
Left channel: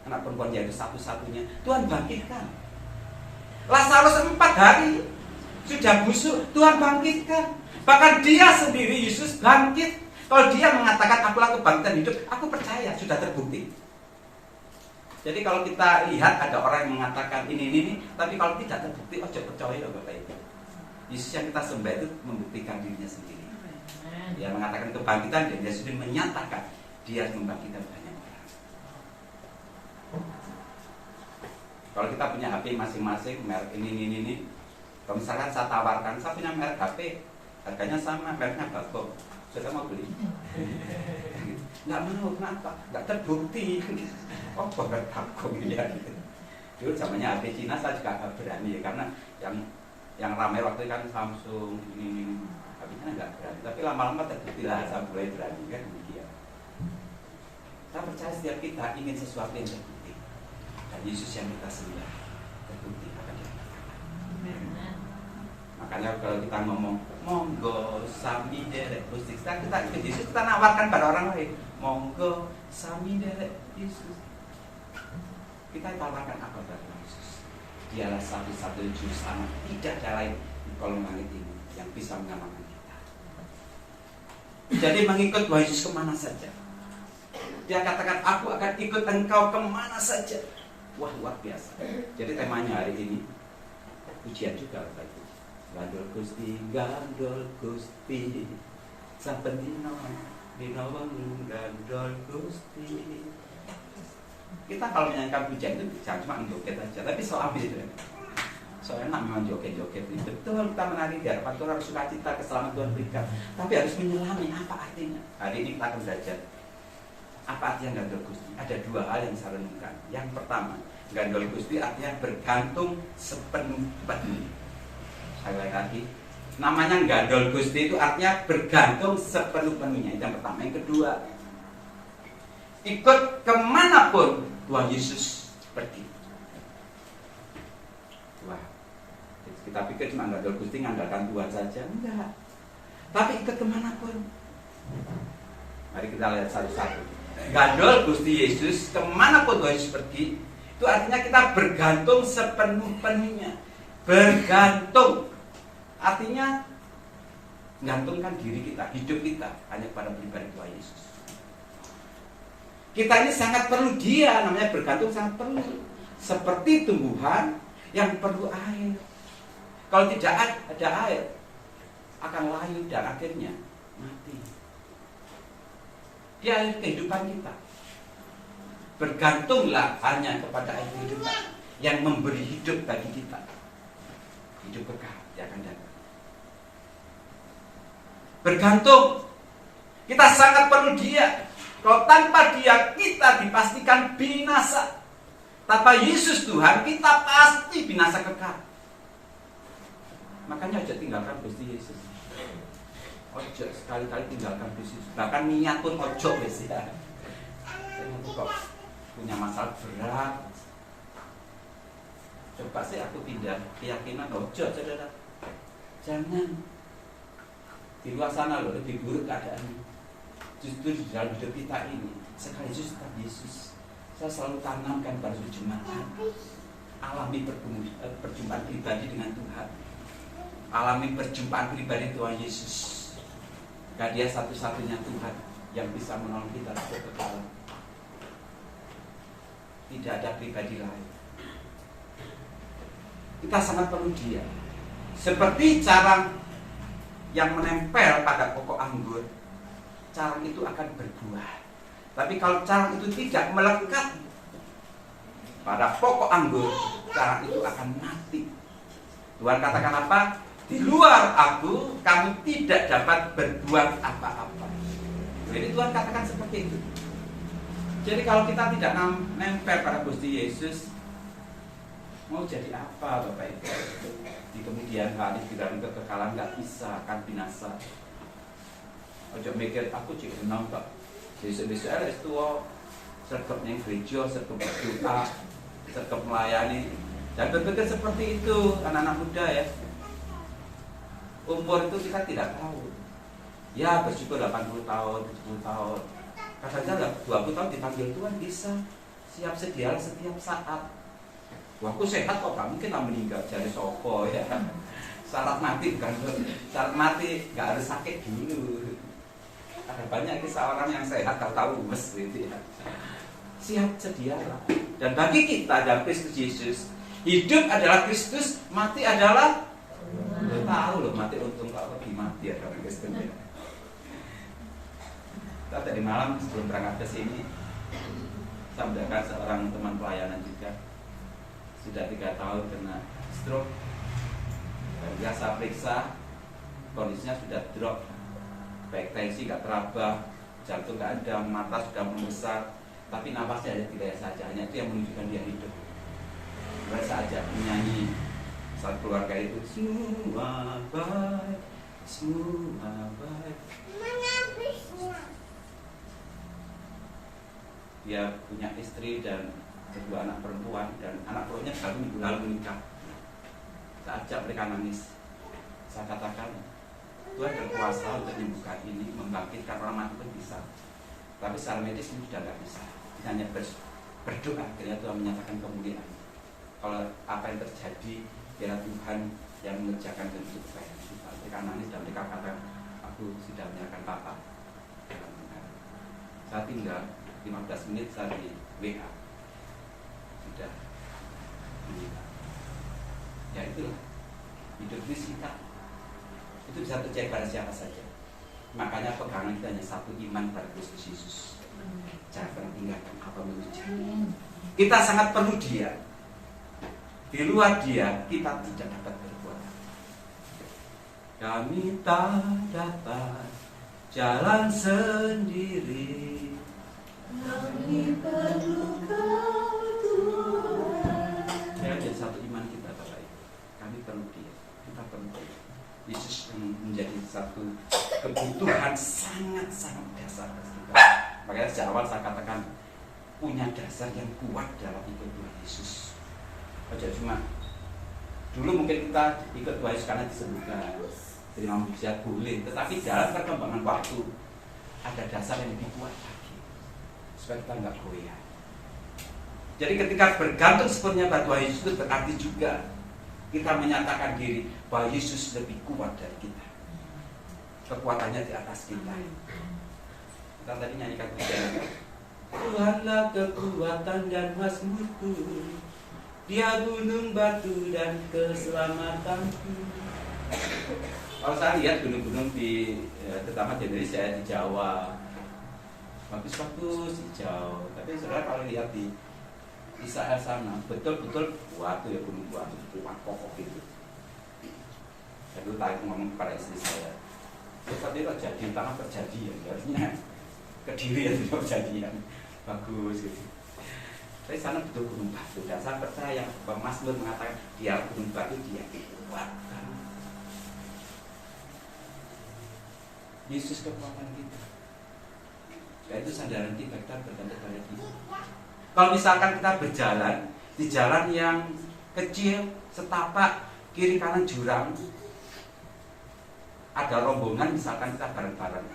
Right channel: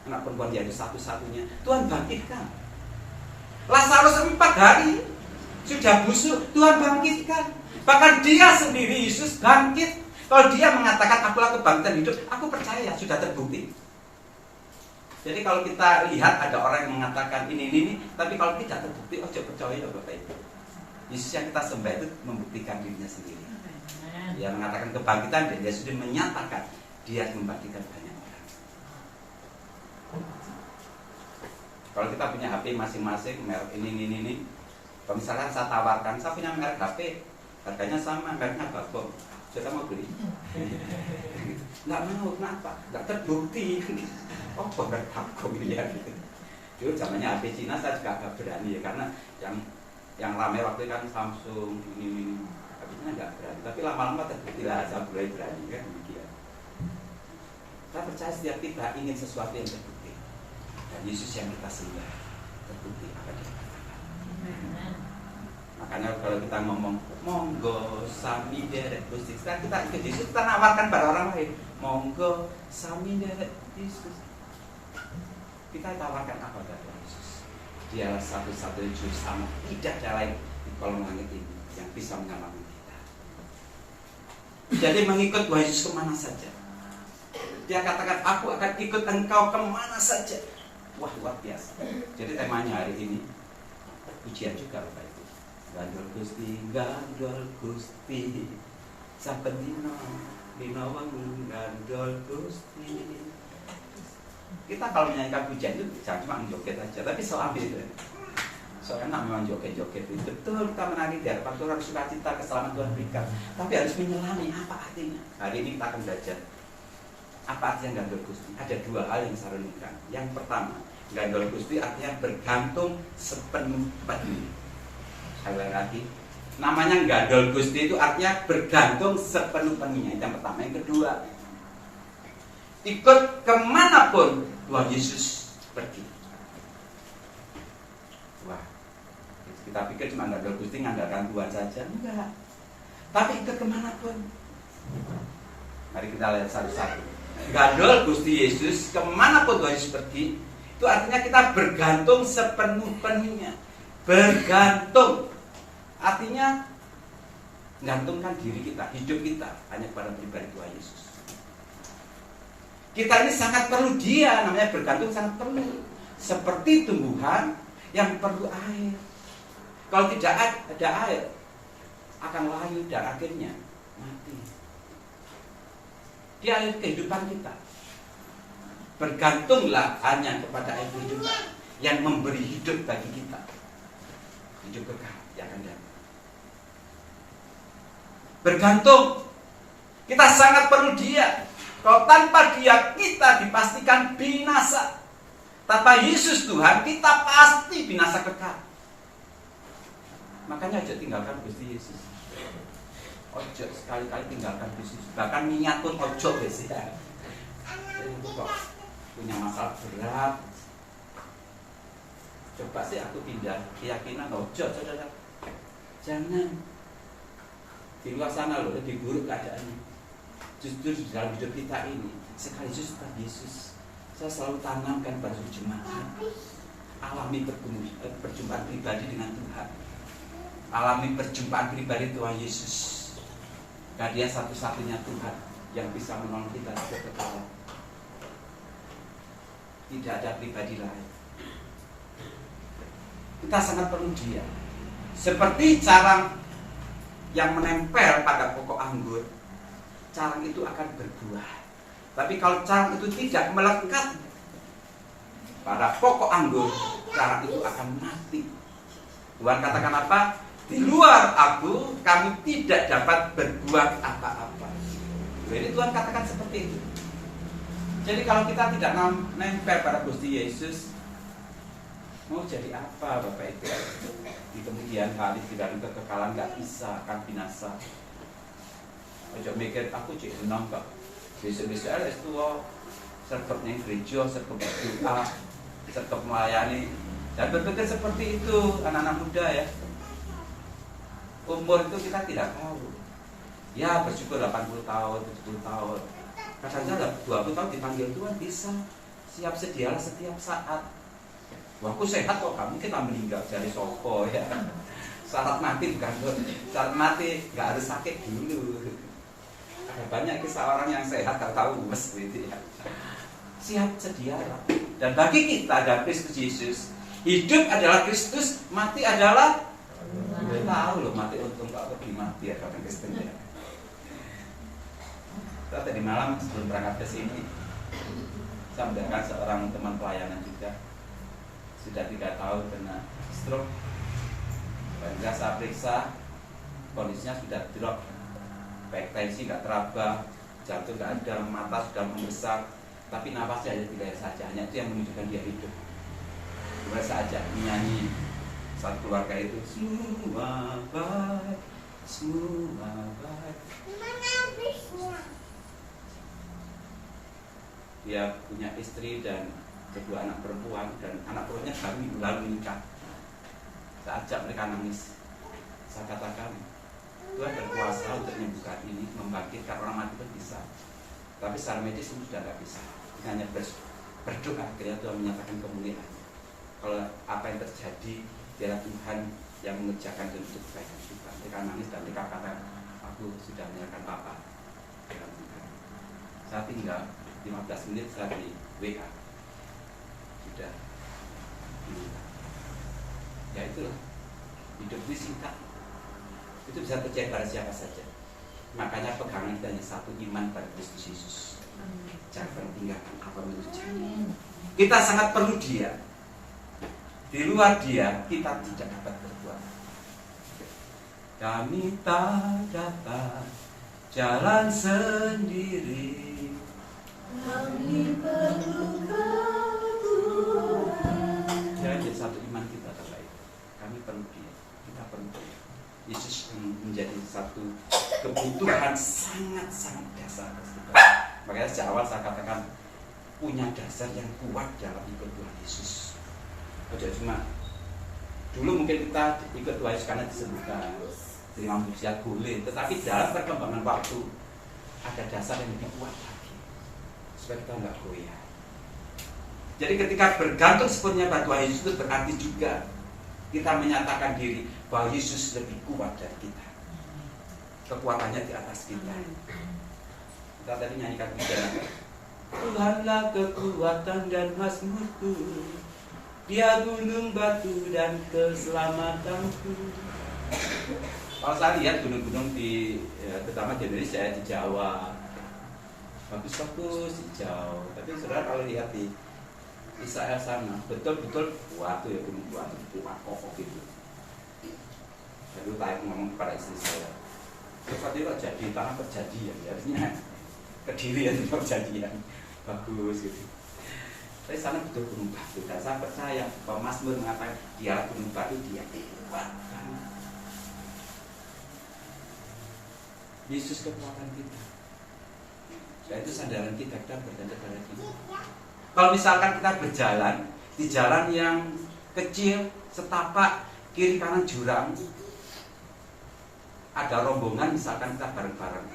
anak perempuan Yairus satu-satunya, Tuhan bangkitkan. Lazarus 4 hari sudah busuk, Tuhan bangkitkan. Bahkan dia sendiri, Yesus bangkit. Kalau dia mengatakan akulah kebangkitan hidup, aku percaya, sudah terbukti. Jadi kalau kita lihat ada orang yang mengatakan ini, tapi kalau tidak terbukti, ojo percaya Bapak Ibu. Yesus yang kita sembah itu membuktikan dirinya sendiri. Dia mengatakan kebangkitan dan dia sudah menyatakan dia membangkitkan banyak orang. Kalau kita punya HP masing-masing, merek ini. Kalau misalkan saya tawarkan, saya punya merek HP, harganya sama, mereknya Bagong. Saya mau beli. Nggak mau, kenapa? Nggak terbukti. Oh, merek Bagong ya. Dulu zamannya HP Cina saya juga nggak berani ya, karena yang ramai waktu itu kan Samsung ini. Habisnya nggak berani. Tapi lama-lama terbukti lah, saya mulai berani kan. Saya percaya setiap kita ingin sesuatu yang terbukti. Dan Yesus yang kita sembah terbukti apa yang kita katakan. Makanya kalau kita ngomong monggo sami derek Gusti, kita ikut Yesus, kita nawarkan pada orang lain, monggo sami derek Yesus. Kita tawarkan apa pada Yesus? Dialah satu-satunya juru selamat, tidak ada lain di kolom langit ini yang bisa menyelamatkan kita. Jadi mengikut Tuhan Yesus kemana saja. Dia katakan, aku akan ikut engkau kemana saja. Wah, luar biasa. Jadi temanya hari ini pujian juga Bapak Ibu. Gandol Gusti, saben dina wengi gandol Gusti. Kita kalau menyanyikan pujian itu jangan cuma joget aja, tapi soal itu. Soalnya memang joget-joget itu betul, kita menari di hadapan Tuhan, harus sukacita, keselamatan Tuhan berikan. Tapi harus menyelami apa artinya. Hari ini kita akan belajar apa artinya gandol Gusti. Ada dua hal yang saya renungkan. Yang pertama, gandol Gusti artinya bergantung sepenuh-penuh. Sekali lagi, namanya gandol Gusti itu artinya bergantung sepenuh-penuhnya. Yang pertama. Yang kedua, ikut kemanapun Tuhan Yesus pergi. Wah, kita pikir cuma gandol Gusti ngandalkan Tuhan saja. Enggak, tapi ikut kemanapun. Mari kita lihat satu-satu. Gandol Gusti Yesus kemanapun Tuhan Yesus pergi, itu artinya kita bergantung sepenuh-penuhnya. Bergantung artinya menggantungkan diri kita, hidup kita hanya kepada pribadi Tuhan Yesus. Kita ini sangat perlu Dia, namanya bergantung sangat perlu. Seperti tumbuhan yang perlu air. Kalau tidak ada air, akan layu dan akhirnya mati. Dia air kehidupan kita. Bergantunglah hanya kepada air kehidupan yang memberi hidup bagi kita. Hidup kekal yang akan datang. Bergantung. Kita sangat perlu Dia. Kalau tanpa Dia kita dipastikan binasa. Tanpa Yesus Tuhan kita pasti binasa kekal. Makanya aja tinggalkan Gusti Yesus. Ojo sekali-kali tinggalkan Yesus. Bahkan niat pun ojo guys ya. Saya kok punya masalah berat. Coba sih aku pindah keyakinan, ojo saudara. Jangan. Di luar sana loh lebih buruk keadaannya. Justru di dalam hidup kita ini, sekaligus tetap Yesus. Saya selalu tanamkan pada jemaat. Alami perjumpaan pribadi dengan Tuhan. Alami perjumpaan pribadi Tuhan Yesus. Karena Dia satu-satunya Tuhan yang bisa menolong kita ke kekekalan. Tidak ada pribadi lain. Kita sangat perlu Dia. Seperti carang yang menempel pada pokok anggur, carang itu akan berbuah. Tapi kalau carang itu tidak melekat pada pokok anggur, carang itu akan mati. Tuhan katakan apa? Di luar aku, kamu tidak dapat berbuat apa-apa. Jadi Tuhan katakan seperti itu. Jadi kalau kita tidak nempel pada Gusti Yesus, mau jadi apa Bapak Ibu? Di kemudian hari di dalam kekekalan nggak bisa, akan binasa. Ojo mikir aku cek senang kok. Besok-besok ada tua, sergap neng gereja, sergap berdoa, sergap melayani. Dan berpikir seperti itu anak-anak muda ya. Umur itu kita tidak tahu. Ya bersyukur 80 tahun, 70 tahun. Kadang-kadang 20 tahun dipanggil Tuhan bisa. Siap sedialah setiap saat. Wah, aku sehat kok, kamu kita meninggal dari sopo ya. Syarat mati bukan, syarat mati nggak harus sakit dulu. Ada banyak kisah orang yang sehat tak tahu gitu ya. Siap sedialah. Dan bagi kita ada Kristus Yesus, hidup adalah Kristus, mati adalah udah tahu loh mati untung kok pergi mati ya karena Kristen ya. Kita tadi malam sebelum berangkat ke sini, saya mendengar seorang teman pelayanan juga. Sudah 3 tahun kena stroke. Dan saya periksa kondisinya sudah drop. Baik tensi nggak teraba, jantung nggak ada, mata sudah membesar, tapi nafasnya hanya 3 saja. Hanya itu yang menunjukkan dia hidup. Mereka saja menyanyi saat keluarga itu semua baik, semua baik. Dia punya istri dan kedua anak perempuan, dan anak perempuannya baru minggu lalu menikah. Saya ajak mereka nangis. Saya katakan, Tuhan berkuasa untuk membuka ini, membangkitkan orang mati itu bisa. Tapi secara medis ini sudah tidak bisa. Hanya berdoa, akhirnya Tuhan menyatakan kemuliaan. Kalau apa yang terjadi, biarlah Tuhan yang mengerjakan untuk kebaikan kita. Mereka nangis dan mereka katakan, aku sudah menyerahkan Papa. Saya tinggal 15 menit saya di WA. Sudah meninggal. Ya itulah hidup di kita. Itu bisa terjadi pada siapa saja. Makanya pegangan kita hanya satu, iman pada Kristus Yesus. Jangan tinggalkan apa yang terjadi. Kita sangat perlu Dia. Di luar Dia kita tidak dapat berbuat. Kami tak dapat jalan sendiri. Kami perlu Kau Tuhan. Jadi satu iman kita Bapak Ibu. Kami perlu Dia. Kita perlu Dia. Yesus yang menjadi satu kebutuhan sangat-sangat dasar. Makanya sejak awal saya katakan punya dasar yang kuat dalam ikut Tuhan Yesus. Aja cuma dulu mungkin kita ikut Tuhan Yesus karena disembuhkan, terima mujizat boleh, tetapi dalam perkembangan waktu ada dasar yang lebih kuat lagi supaya kita nggak goyah. Jadi ketika bergantung sepenuhnya pada Tuhan Yesus itu berarti juga kita menyatakan diri bahwa Yesus lebih kuat dari kita. Kekuatannya di atas kita. Kita tadi nyanyikan pujian. Tuhanlah kekuatan dan mazmurku, Dia gunung batu dan keselamatanku. Kalau saya lihat gunung-gunung di terutama di Indonesia, di Jawa, bagus-bagus hijau. Tapi saudara kalau lihat di Israel sana, betul-betul waktu ya gunung batu kuat kokoh gitu. Saya dulu tadi ngomong kepada istri saya, seperti kok jadi tanah perjanjian, harusnya Kediri ya di perjanjian, bagus gitu. Tapi sana betul gunung batu, dan saya percaya bahwa Mazmur mengatakan dia gunung batu, dia kuat. Yesus kekuatan kita. Dan itu sandaran kita bergantung pada Dia. Kalau misalkan kita berjalan di jalan yang kecil, setapak, kiri kanan jurang. Ada rombongan misalkan kita bareng-bareng.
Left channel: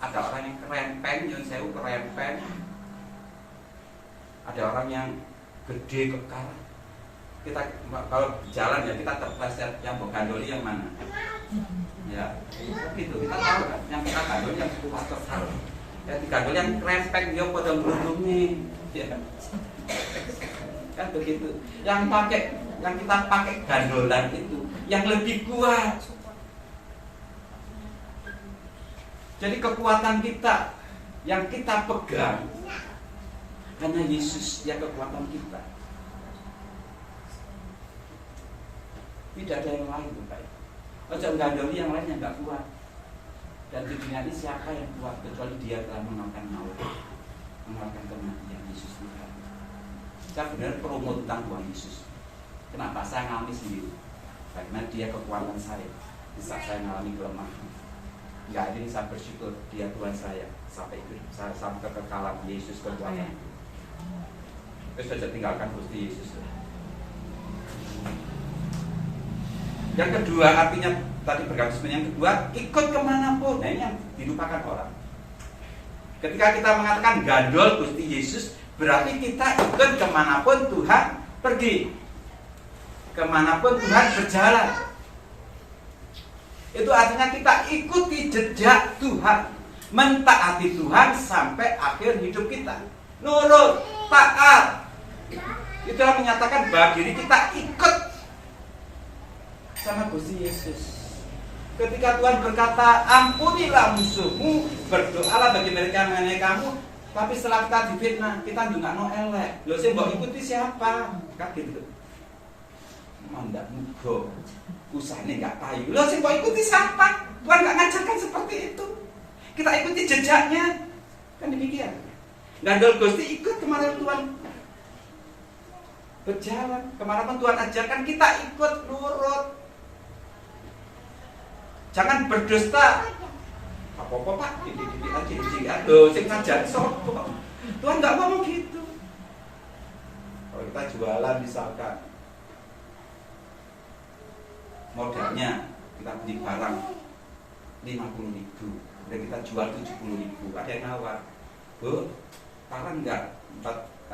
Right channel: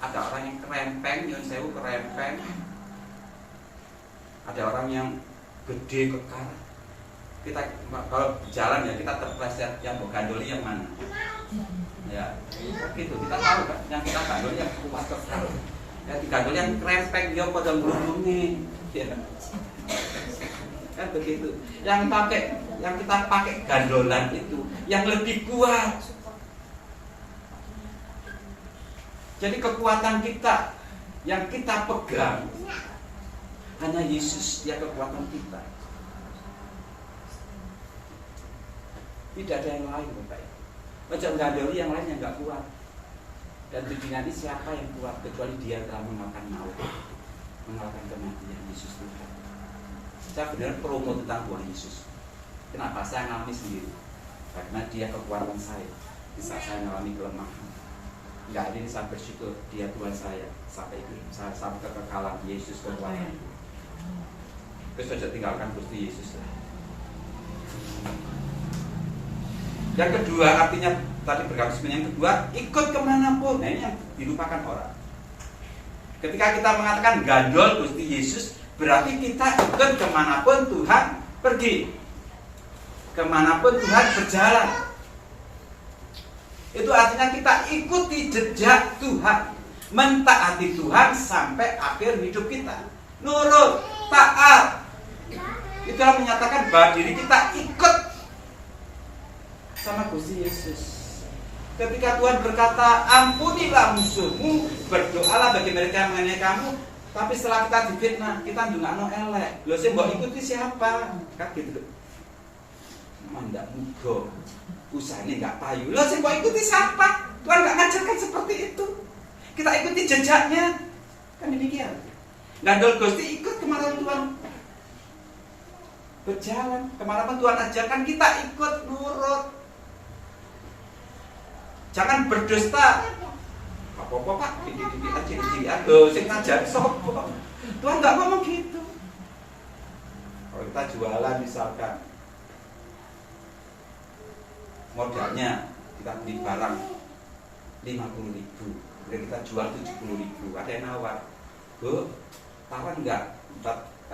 Ada orang yang kerempeng, nyun sewu kerempeng. Ada orang yang gede kekar. Kita kalau jalan ya kita terpleset, yang bergandoli yang mana? Ya, gitu. Kita tahu kan, yang kita gandoli yang kuat kekar. Ya digandoli yang kerempeng, dia pada melindungi. Ya. Kan begitu. Yang kita pakai gandolan itu yang lebih kuat. Jadi kekuatan kita yang kita pegang hanya Yesus, dia kekuatan kita. Tidak ada yang lain, Bapak. Macam gandoli yang lain yang nggak kuat. Dan di dunia ini siapa yang kuat kecuali dia telah mengalahkan maut, mengalahkan kematian. Yesus Tuhan. Saya benar promo tentang Tuhan Yesus. Kenapa? Saya ngalami sendiri. Karena dia kekuatan saya. Di saat saya mengalami kelemahan, nggak ada yang saya bersyukur dia Tuhan saya sampai hidup saya sampai kekekalan. Yesus kekuatan. Kita saja tinggalkan Gusti Yesus. Yang kedua artinya tadi bergabung. Yang kedua ikut kemanapun. Nah ini yang dilupakan orang. Ketika kita mengatakan gandol Gusti Yesus, berarti kita ikut kemanapun Tuhan pergi, kemanapun Tuhan berjalan. Itu artinya kita ikuti jejak Tuhan, mentaati Tuhan sampai akhir hidup kita. Nurut, taat. Itulah menyatakan bahwa diri kita ikut sama Gusti Yesus. Ketika Tuhan berkata, ampunilah musuhmu, berdoalah bagi mereka yang mengenai kamu. Tapi setelah kita difitnah, kita ndongakno elek. Lho sing mbok ikuti siapa? Kan gitu. Mandak muga. Usahane enggak payu. Lho sing mbok ikuti siapa? Tuhan enggak ngajarkan seperti itu. Kita ikuti jejaknya. Kan demikian. Gandol Gusti ikut kemana Tuhan berjalan, kemana pun Tuhan ajarkan kita ikut nurut. Jangan berdusta. Apa-apa Pak, didik-didik aja, aduh, sing ngajar sopo. Tuhan nggak ngomong gitu. Kalau kita jualan misalkan, modalnya kita beli barang 50.000, dan kita jual 70.000, ada yang nawar, Bu, tahan nggak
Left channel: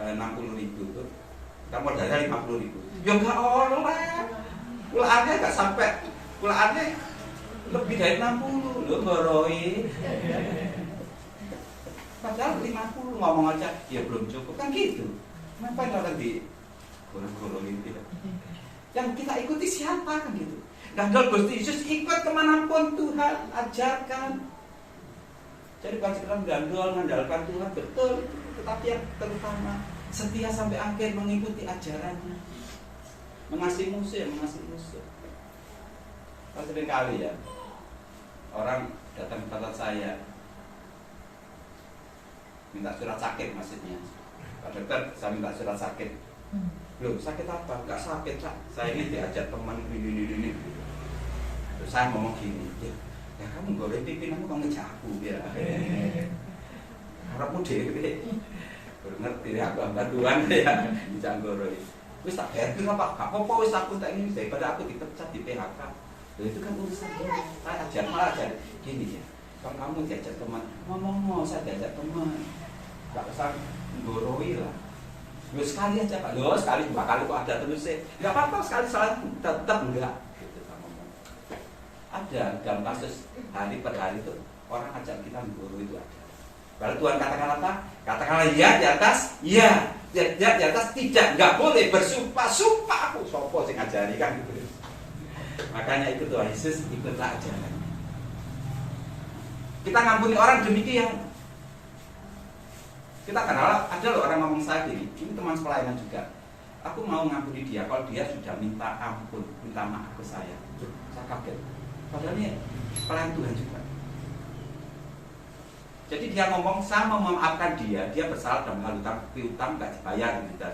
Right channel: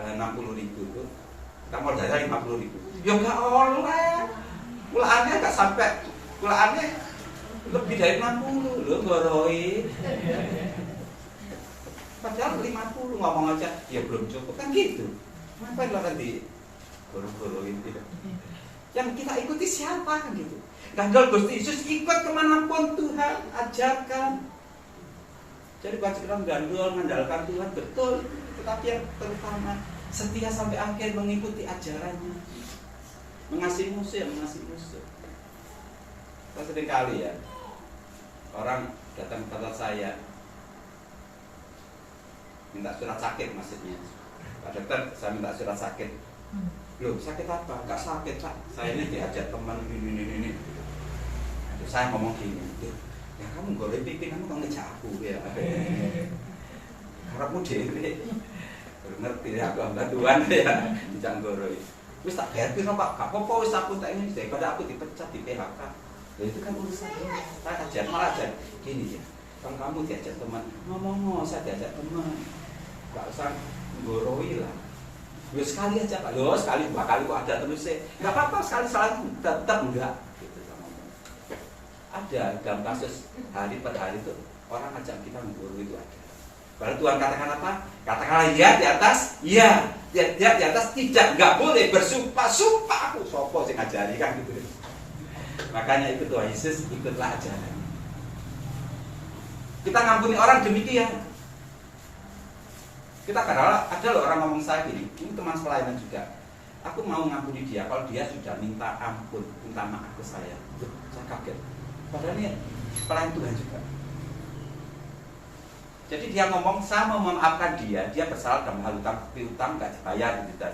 60.000 tuh? Kita modalnya 50.000. Ya nggak oleh, pulaannya nggak sampai, pulaannya lebih dari 60 loh ngoroi. Padahal 50 ngomong aja ya belum cukup kan gitu. Ngapain lo nanti goro-goroin tidak? Yang kita ikuti siapa kan gitu. Gandol Gusti Yesus ikut kemanapun Tuhan ajarkan. Jadi bukan sekedar gandol mengandalkan Tuhan betul, tetapi yang terutama setia sampai akhir mengikuti ajarannya. Mengasihi musuh, mengasihi musuh. Sering kali ya orang datang ke tempat saya minta surat sakit maksudnya. Pak dokter, saya minta surat sakit. Loh, sakit apa? Enggak sakit, Pak. Saya ini diajak teman ini. Saya ngomong gini, ya kamu boleh pimpin, kamu kok ngejak aku ya. Harapmu dhewe. Baru ngerti ya aku bantuan ya dijak goroi. Wis tak bayar piro, Pak? Gak apa-apa wis aku tak ini daripada aku dipecat di PHK. Loh, itu kan urusan saya ajar, malah ajar gini ya. Kalau kamu diajak teman, ngomong saya diajak teman, gak usah menggoroi lah. Loh, sekali aja Pak, loh sekali 2 kali kok ada terusnya. Gak apa-apa sekali salah tetap enggak. Gitu kan ngomong. Ada dalam kasus hari per hari itu orang ajak kita menggoroi itu ada. Baru Tuhan katakan apa? Katakanlah ya di atas, ya di atas tidak, nggak boleh bersumpah. Sumpah aku sopo sing ngajari kan gitu. Makanya itu Tuhan Yesus ikutlah ajaran. Kita ngampuni orang demikian. Kita kadang ada loh orang ngomong saya gini, ini teman pelayanan juga. Aku mau ngampuni dia kalau dia sudah minta ampun, minta maaf ke saya. Tuh, saya kaget. Padahal ini pelayan Tuhan juga. Jadi dia ngomong, saya mau memaafkan dia bersalah dalam hal utang nggak dibayar gitu.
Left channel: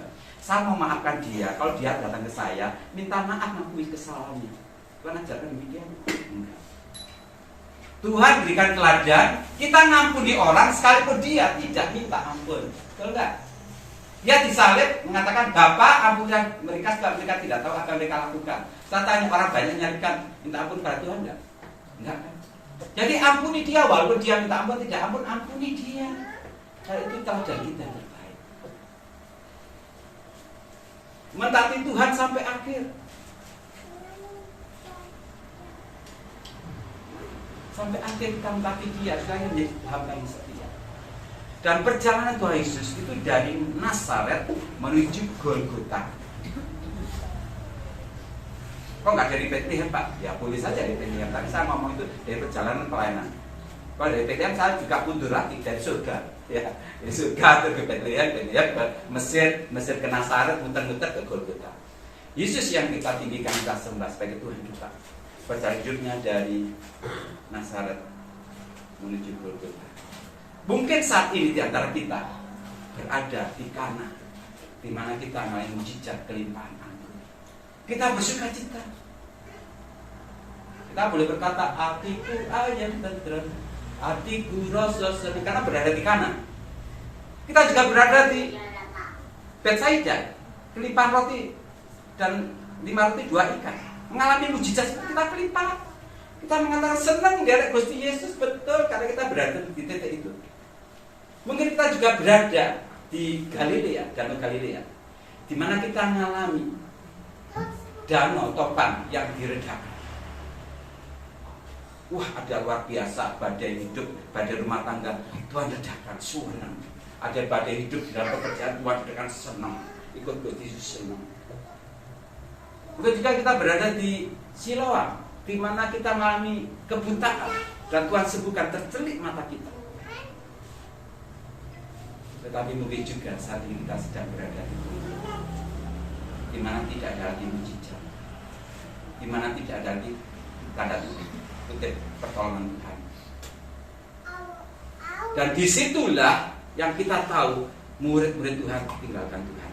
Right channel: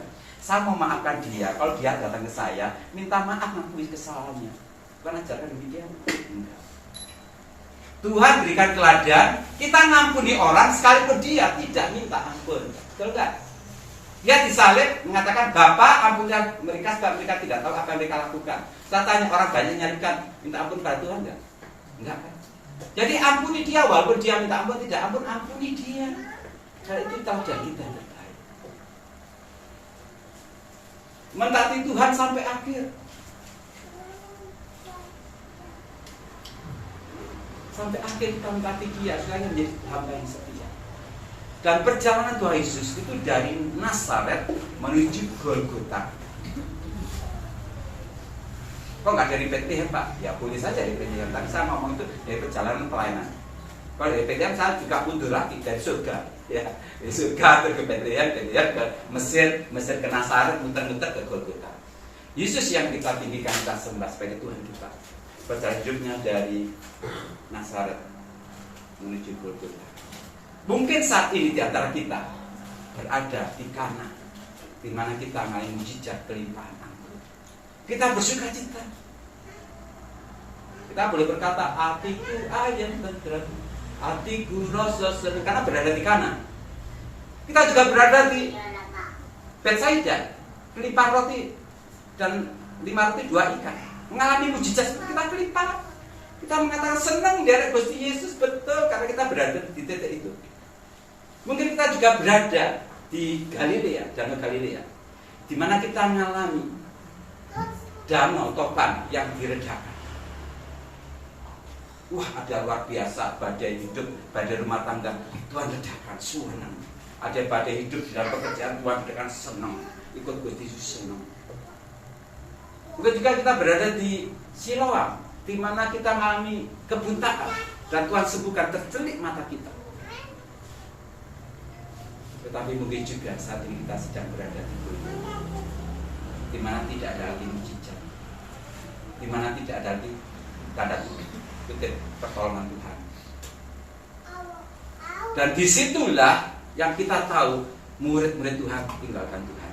Saya mau memaafkan dia kalau dia datang ke saya, minta maaf mengakui kesalahannya. Tuhan ajarkan demikian? Enggak. Tuhan berikan teladan, kita ngampuni orang sekalipun dia tidak minta ampun. Betul enggak? Dia disalib mengatakan, Bapa ampunilah mereka sebab mereka tidak tahu apa yang mereka lakukan. Saya tanya, orang banyak nyarikan minta ampun pada Tuhan enggak? Enggak kan? Jadi ampuni dia, walaupun dia minta ampun tidak ampun, ampuni dia. Karena itu teladan kita yang terbaik. Mentaati Tuhan sampai akhir. Sampai akhir kita mentaati dia, selain menjadi hamba yang setia. Dan perjalanan Tuhan Yesus itu dari Nazaret menuju Golgota. Kok nggak dari Bethlehem, Pak? Ya boleh saja dari Bethlehem. Tapi saya ngomong itu dari perjalanan pelayanan. Kalau dari Bethlehem saya juga mundur lagi dari surga. Ya, dari surga ke Bethlehem ke Mesir ke Nazaret, muter-muter ke Golgota. Yesus yang kita tinggikan, kita sembah sebagai Tuhan kita. Perjalanan hidupnya dari Nazaret menuju Golgota. Mungkin saat ini di antara kita berada di Kana, di mana kita mengalami mujizat kelimpahan anggur. Kita bersuka cita. Kita boleh berkata, hatiku ayam tenteram, hatiku rasa senang, karena berada di Kana. Kita juga berada di Betsaida, kelimpahan roti dan 5 roti 2 ikan. Mengalami mujizat kita kelimpahan. Kita mengatakan senang dari Gusti Yesus, betul, karena kita berada di titik itu. Mungkin kita juga berada di Galilea, Danau Galilea, di mana kita mengalami danau topan yang diredakan. Wah, ada luar biasa badai hidup, badai rumah tangga, Tuhan redakan, senang. Ada badai hidup di dalam pekerjaan, Tuhan redakan, senang. Ikut Gusti Yesus, senang. Ketika kita berada di Siloam, di mana kita mengalami kebuntaan dan Tuhan sembuhkan, tercelik mata kita. Tetapi mungkin juga saat ini kita sedang berada di dunia di mana tidak ada lagi mujizat, di mana tidak ada lagi tanda kutip pertolongan Tuhan. Dan disitulah yang kita tahu murid-murid Tuhan tinggalkan Tuhan.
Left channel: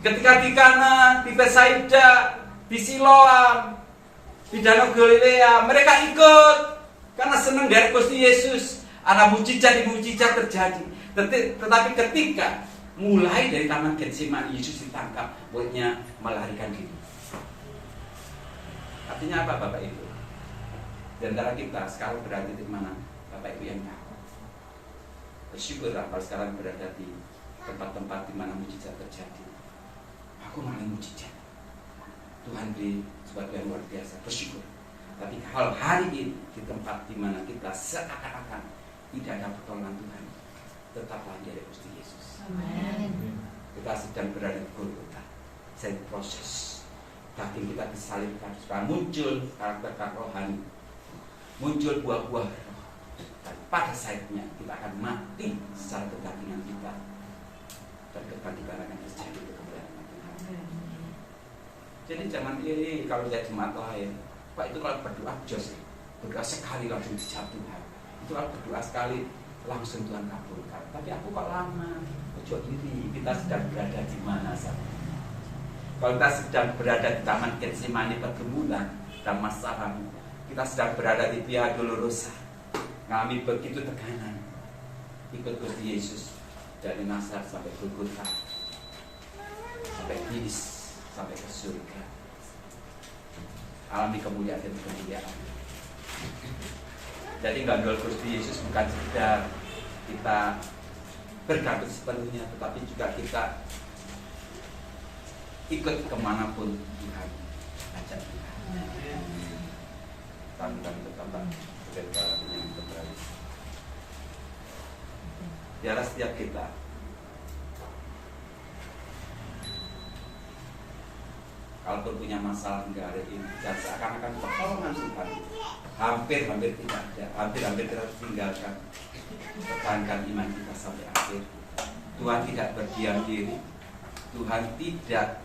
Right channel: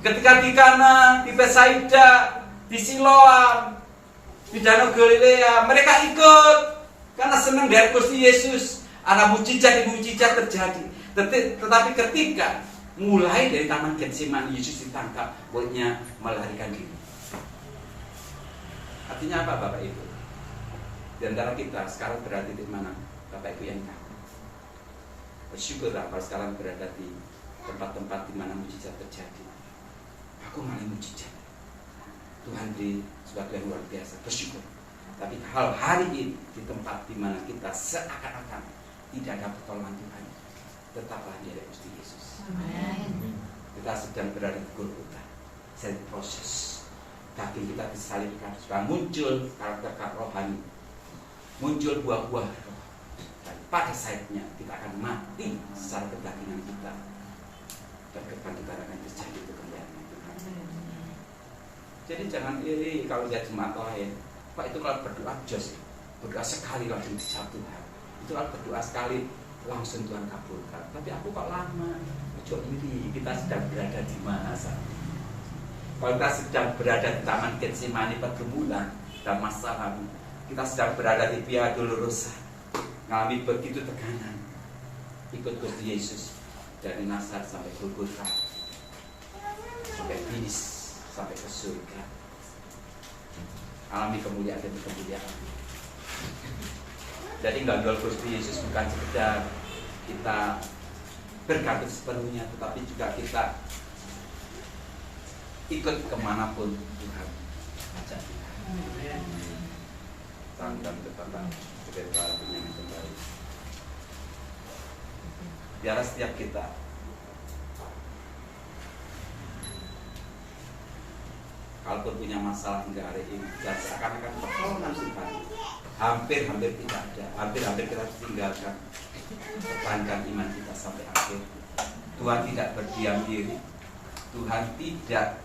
Ketika di Kana, di Betsaida, di Siloam, di Danau Galilea, mereka ikut karena senang dari Gusti Yesus. Ada mujizat terjadi. Tetapi ketika mulai dari taman Getsemani, Yesus ditangkap, muridnya melarikan diri. Artinya apa, Bapak Ibu? Di antara kita sekarang berada di mana? Bapak Ibu yang tahu. Bersyukurlah kalau sekarang berada di tempat-tempat di mana mujizat terjadi. Aku malah mujizat. Tuhan di sesuatu yang luar biasa. Bersyukur. Tapi hal hari ini di tempat di mana kita seakan-akan tidak ada pertolongan Tuhan, tetaplah di hadapan Gusti Yesus. Amen. Kita sedang berada di Golgota, sedang proses. Daging kita disalibkan, supaya muncul karakter rohani, muncul buah-buah roh. Dan pada saatnya kita akan mati secara kedagingan kita, dan kebangkitan akan terjadi kemuliaan Tuhan. Jadi jangan iri kalau lihat jemaat lain. Pak, itu kalau berdoa jos, berdoa sekali langsung dijawab Tuhan. Itu kalau berdoa sekali langsung Tuhan kabulkan. Tapi aku kok lama? Ojo diri, kita sedang berada di mana saat ini? Kalau kita sedang berada di Taman Getsemani pergumulan dan masalah, kita sedang berada di Via Dolorosa, mengalami begitu tekanan. Ikut Gusti Yesus dari Nazaret sampai Golgota, sampai finish, sampai ke surga. Alami kemuliaan demi kemuliaan. Jadi gandol Gusti Yesus bukan sekedar kita bergantung sepenuhnya, tetapi juga kita ikut kemanapun Tuhan ajak kita. Tantang bertambah sebagai para penyanyi kembali. Biarlah setiap kita kalau punya masalah hingga hari ini, dan seakan-akan pertolongan Tuhan hampir tidak ada, hampir kita tinggalkan. Pertahankan iman kita sampai akhir. Tuhan tidak berdiam diri. Tuhan tidak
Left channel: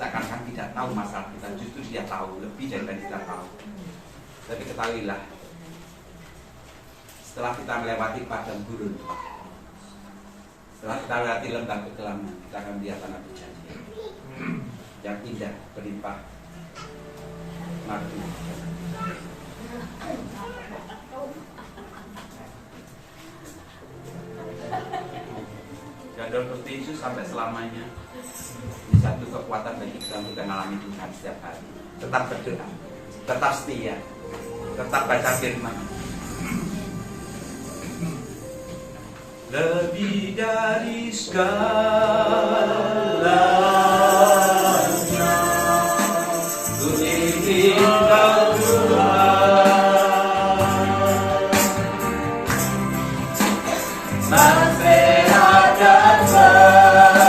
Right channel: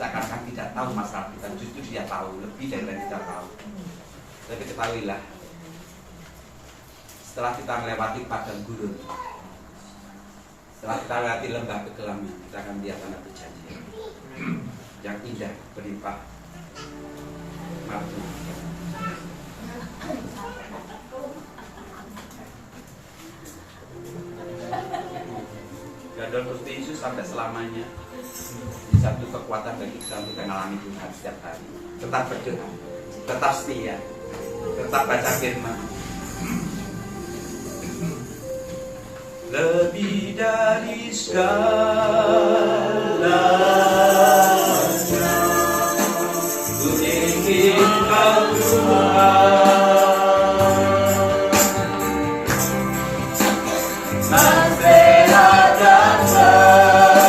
seakan-akan tidak tahu masalah kita, justru Dia tahu lebih dari yang kita tahu. Tapi ketahuilah, setelah kita melewati padang gurun, setelah kita melewati lembah kekelaman, kita akan lihat tanah perjanjian yang indah, berlimpah madu. dalam Kristus Yesus sampai selamanya. Ini satu kekuatan bagi kita untuk mengalami Tuhan setiap hari. Tetap berdoa, tetap setia, tetap baca firman. Lebih dari segalanya, ku ingin Kau Tuhan, sampai ada permata,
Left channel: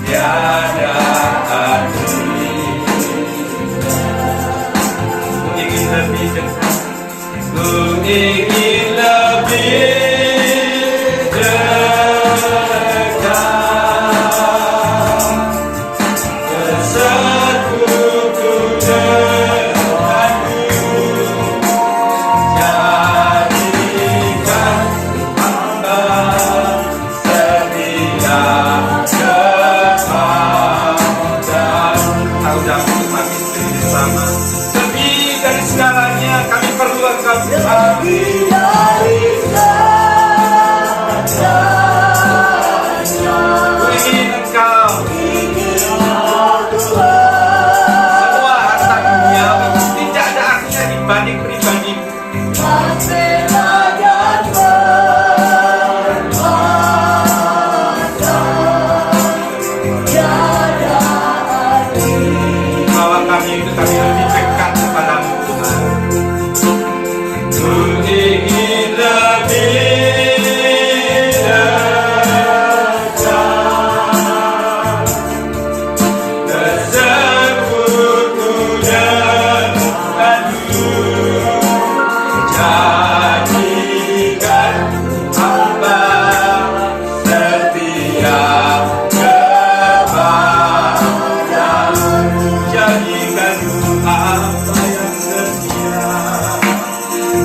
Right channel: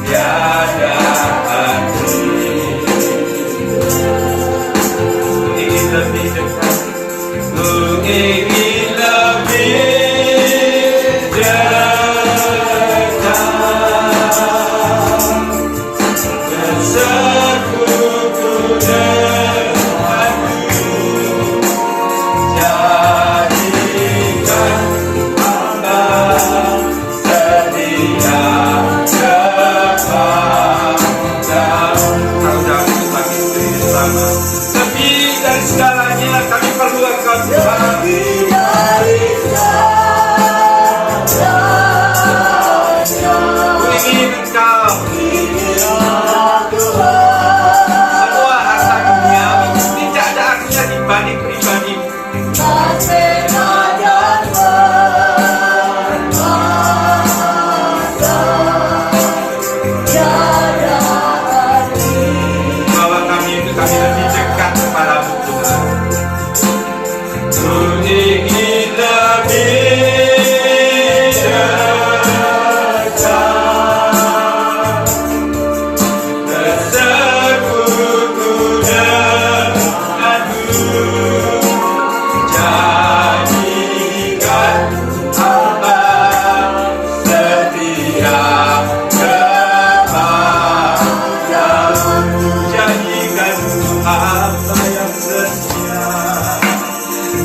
tiada arti. Ku ingin lebih dekat. Ku ingin lebih dekat, bersekutu denganmu, jadikan hamba setia kepadamu. Tahu-tahu kami bersama. Lebih dari segalanya kami perlu Engkau Tuhan. Lebih dari segalanya, Ku ingin Engkau. Tuhan, Semua harta duniawi tidak ada artinya dibanding pribadimu. sampai ada permata, tiada arti. Bahwa kami itu kami lebih dekat kepadamu Tuhan. Ku ingin lebih dekat, bersekutu denganmu, jadikan hamba setia kepadamu, jadikan hamba yang setia,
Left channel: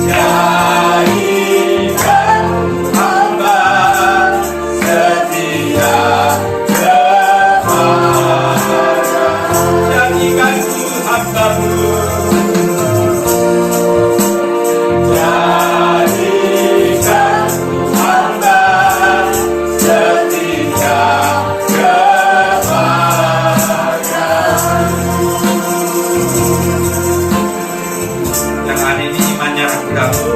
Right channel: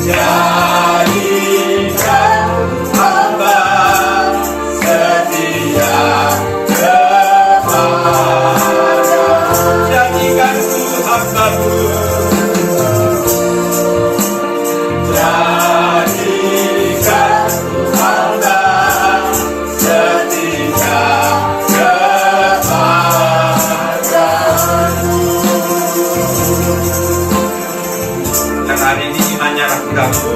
jadikan hamba setia kepadamu, jadikan hamba-Mu, jadikan hamba setia kepadamu. Yang hari ini imannya ragu-ragu,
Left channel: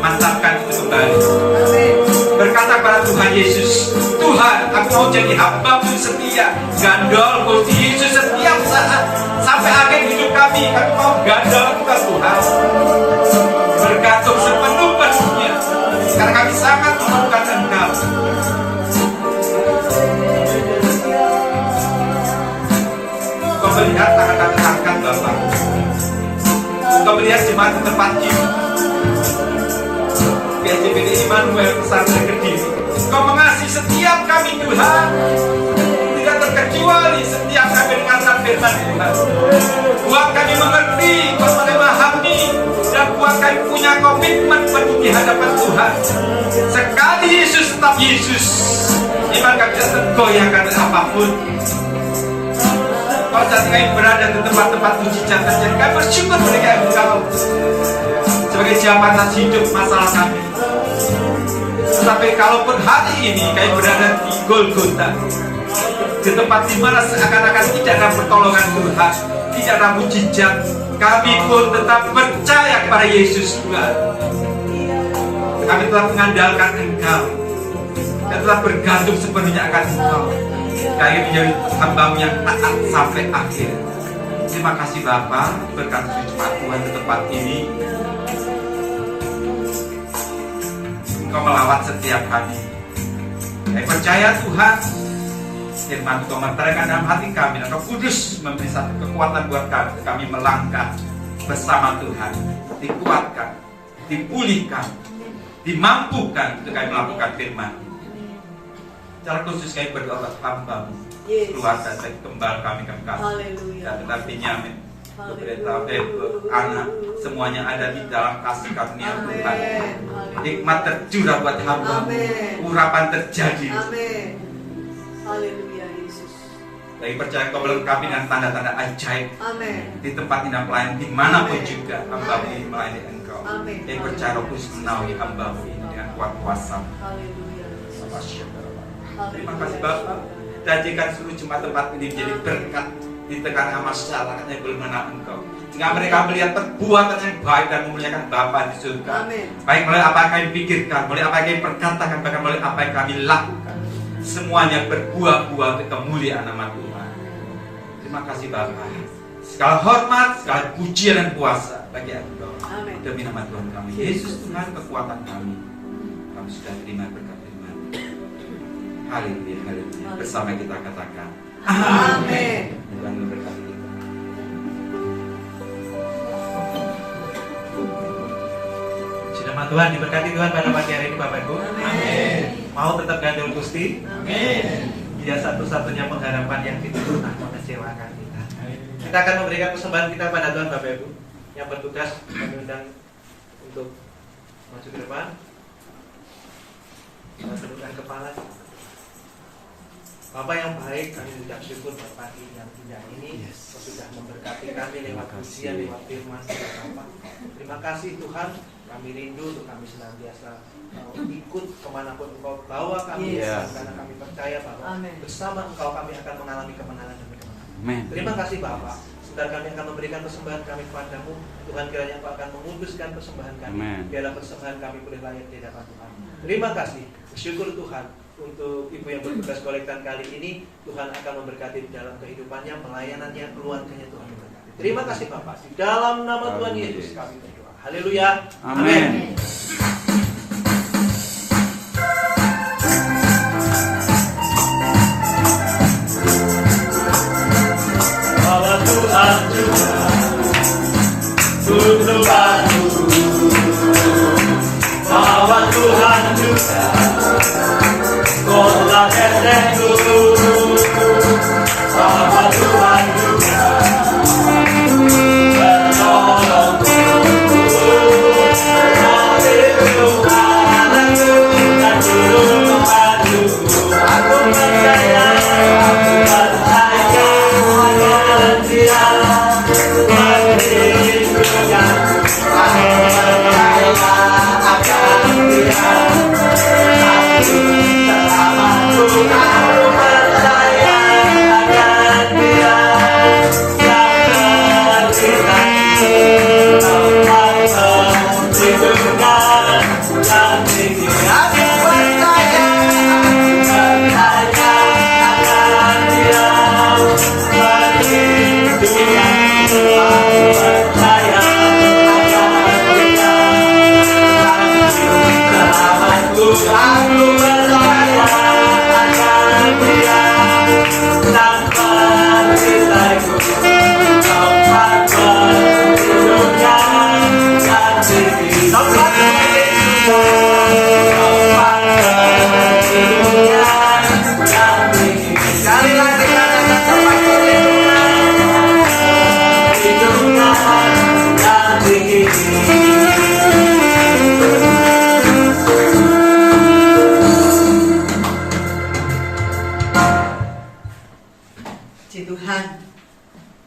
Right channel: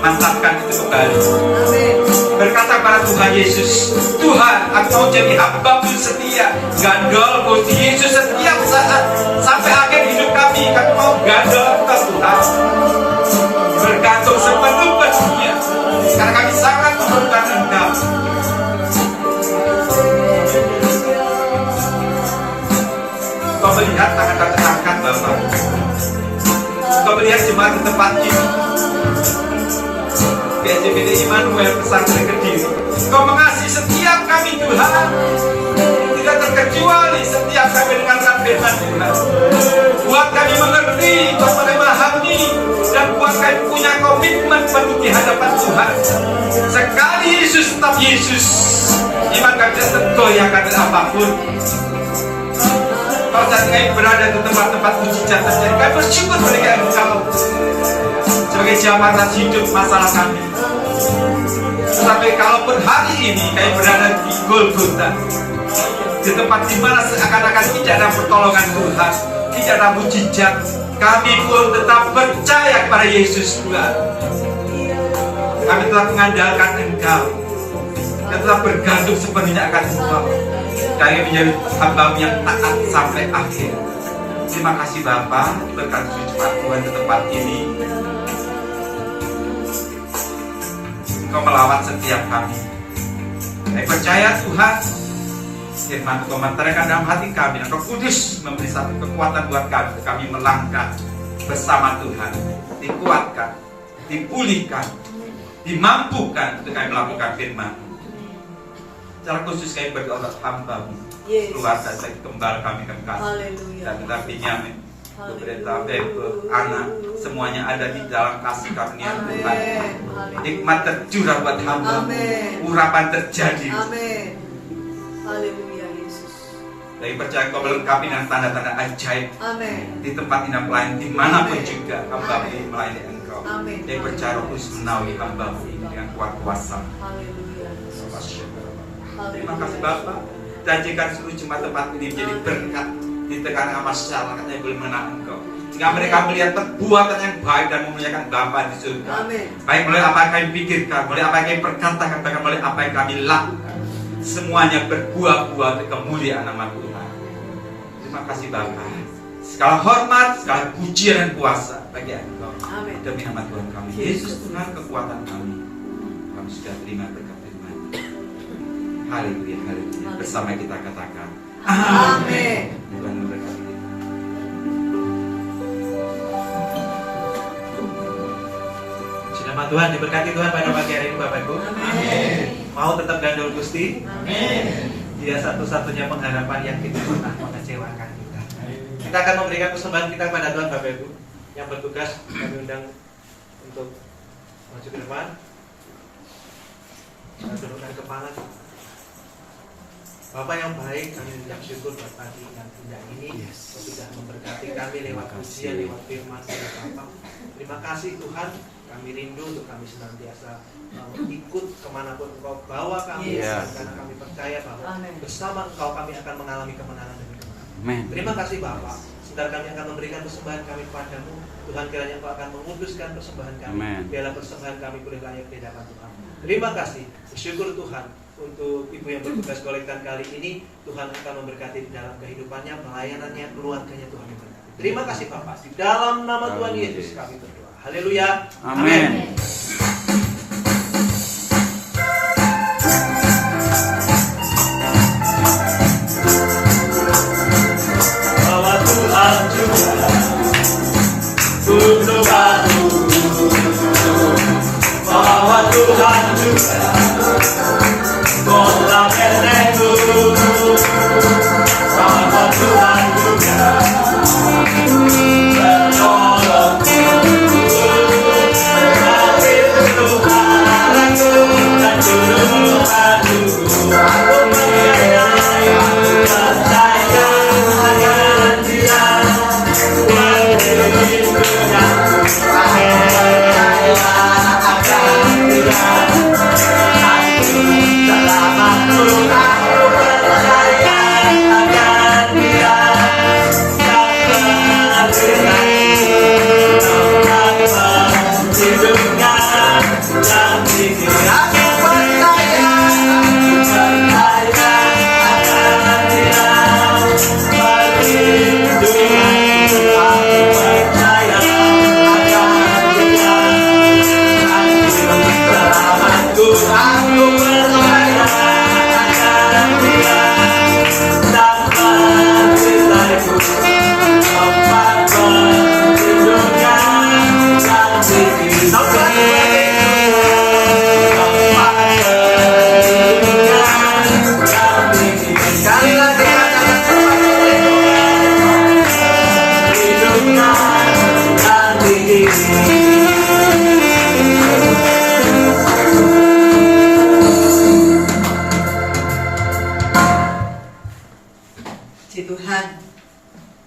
mantapkan itu kembali. Amin. Berkata kepada Tuhan Yesus, Tuhan, aku mau jadi hamba-Mu setia, gandol di Yesus setiap saat sampai akhir hidup kami mau gandol ke Tuhan, bergantung sepenuh-penuhnya, karena kami sangat memerlukan Engkau. Kau melihat tangan kami angkat Bapak, kau melihat jemaat di tempat ini, PSJPD Immanuel Pesantren Kediri. Kau mengasihi setiap kami Tuhan, tidak terkecuali setiap kami mendengarkan firman Tuhan. Buat kami mengerti, buat kami memahami, dan buat kami punya komitmen penuh di hadapan Tuhan. Sekali Yesus tetap Yesus, iman kami tidak tergoyahkan apapun. Kalau saat kami berada di tempat-tempat mujizat terjadi, kami bersyukur kepada Engkau sebagai jambatan hidup masalah kami. Tetapi kalaupun hari ini kami berada di Golgota, di tempat di mana seakan-akan tidak ada pertolongan Tuhan, tidak ada mujizat, kami pun tetap percaya kepada Yesus Tuhan. Kami tetap mengandalkan Engkau dan tetap bergantung sepenuhnya akan Engkau. Kami menjadi hamba-Mu yang taat sampai akhir. Terima kasih Bapa, berkat cepat Tuhan di tempat ini. Engkau melawat setiap kami. Kami percaya Tuhan, firman Engkau menerangkan dalam hati kami, Engkau kudus memberi satu kekuatan buat kami melangkah bersama Tuhan, dikuatkan, dipulihkan, dimampukan untuk kami melakukan firman. Secara khusus kami berdoa untuk hamba-Mu, keluarga saya kembali kami kekasih, dan kita Benyamin, beberapa anak, semuanya ada di dalam kasih karunia Tuhan. Hikmat tercurah buat hamba-Mu, urapan terjadi. Amin. Haleluya Yesus. Kami percaya Kau melengkapi dengan tanda-tanda ajaib. Amin. Di tempat ini pelayan dimanapun juga hamba-Mu melayani Engkau. Amin. Kami percaya Roh Kudus menaungi hamba-Mu ini dengan kuat kuasa. Haleluya Yesus. Terima kasih Bapak. Jadikan seluruh jemaat tempat ini menjadi berkat di tengah masyarakat yang belum mengenal Engkau. Sehingga mereka melihat perbuatan yang baik dan memuliakan Bapa di surga. Amin. Baik melalui apa yang kami pikirkan, melalui apa yang kami perkatakan, bahkan melalui apa yang kami lakukan. Semuanya berbuah-buah untuk kemuliaan nama Tuhan. Terima kasih Bapa. Segala hormat, segala pujian dan kuasa bagi Engkau. Amin. Demi nama Tuhan kami, Yesus Tuhan kekuatan kami. Kami sudah terima berkat firman. Haleluya, haleluya. Bersama kita katakan Amin. Tuhan memberkati kita. Nama Tuhan diberkati Tuhan pada pagi hari ini Bapak Ibu. Amin. Mau tetap gandul Gusti. Amin. Dia satu-satunya pengharapan yang tidak pernah mengecewakan kita. Kita akan memberikan persembahan kita pada Tuhan Bapak Ibu. Yang bertugas kami undang untuk maju ke depan. Kita tundukkan kepala. Bapak yang baik, kami ucap syukur buat pagi yang indah ini. Sudah memberkati kami lewat ujian, lewat firman Bapak. Terima kasih Tuhan. Kami rindu untuk kami senantiasa ikut kemanapun Engkau bawa kami, karena kami percaya bahwa bersama Engkau kami akan mengalami kemenangan demi kemenangan. Terima kasih Bapak. Sebentar kami akan memberikan persembahan kami kepadamu. Tuhan kiranya Engkau akan menguduskan persembahan kami. Biarlah persembahan kami boleh layak di hadapan Tuhan. Terima kasih. Bersyukur Tuhan untuk ibu yang bertugas kolektan kali ini. Tuhan akan memberkati di dalam kehidupannya, pelayanannya, keluarganya. Tuhan memberkati. Terima kasih Bapak. Di dalam nama Tuhan Yesus kami berdoa. Haleluya. Amin. Bahwa Tuhan juga untuk aku, bahwa Tuhan juga telah berteguh, bahwa Tuhan juga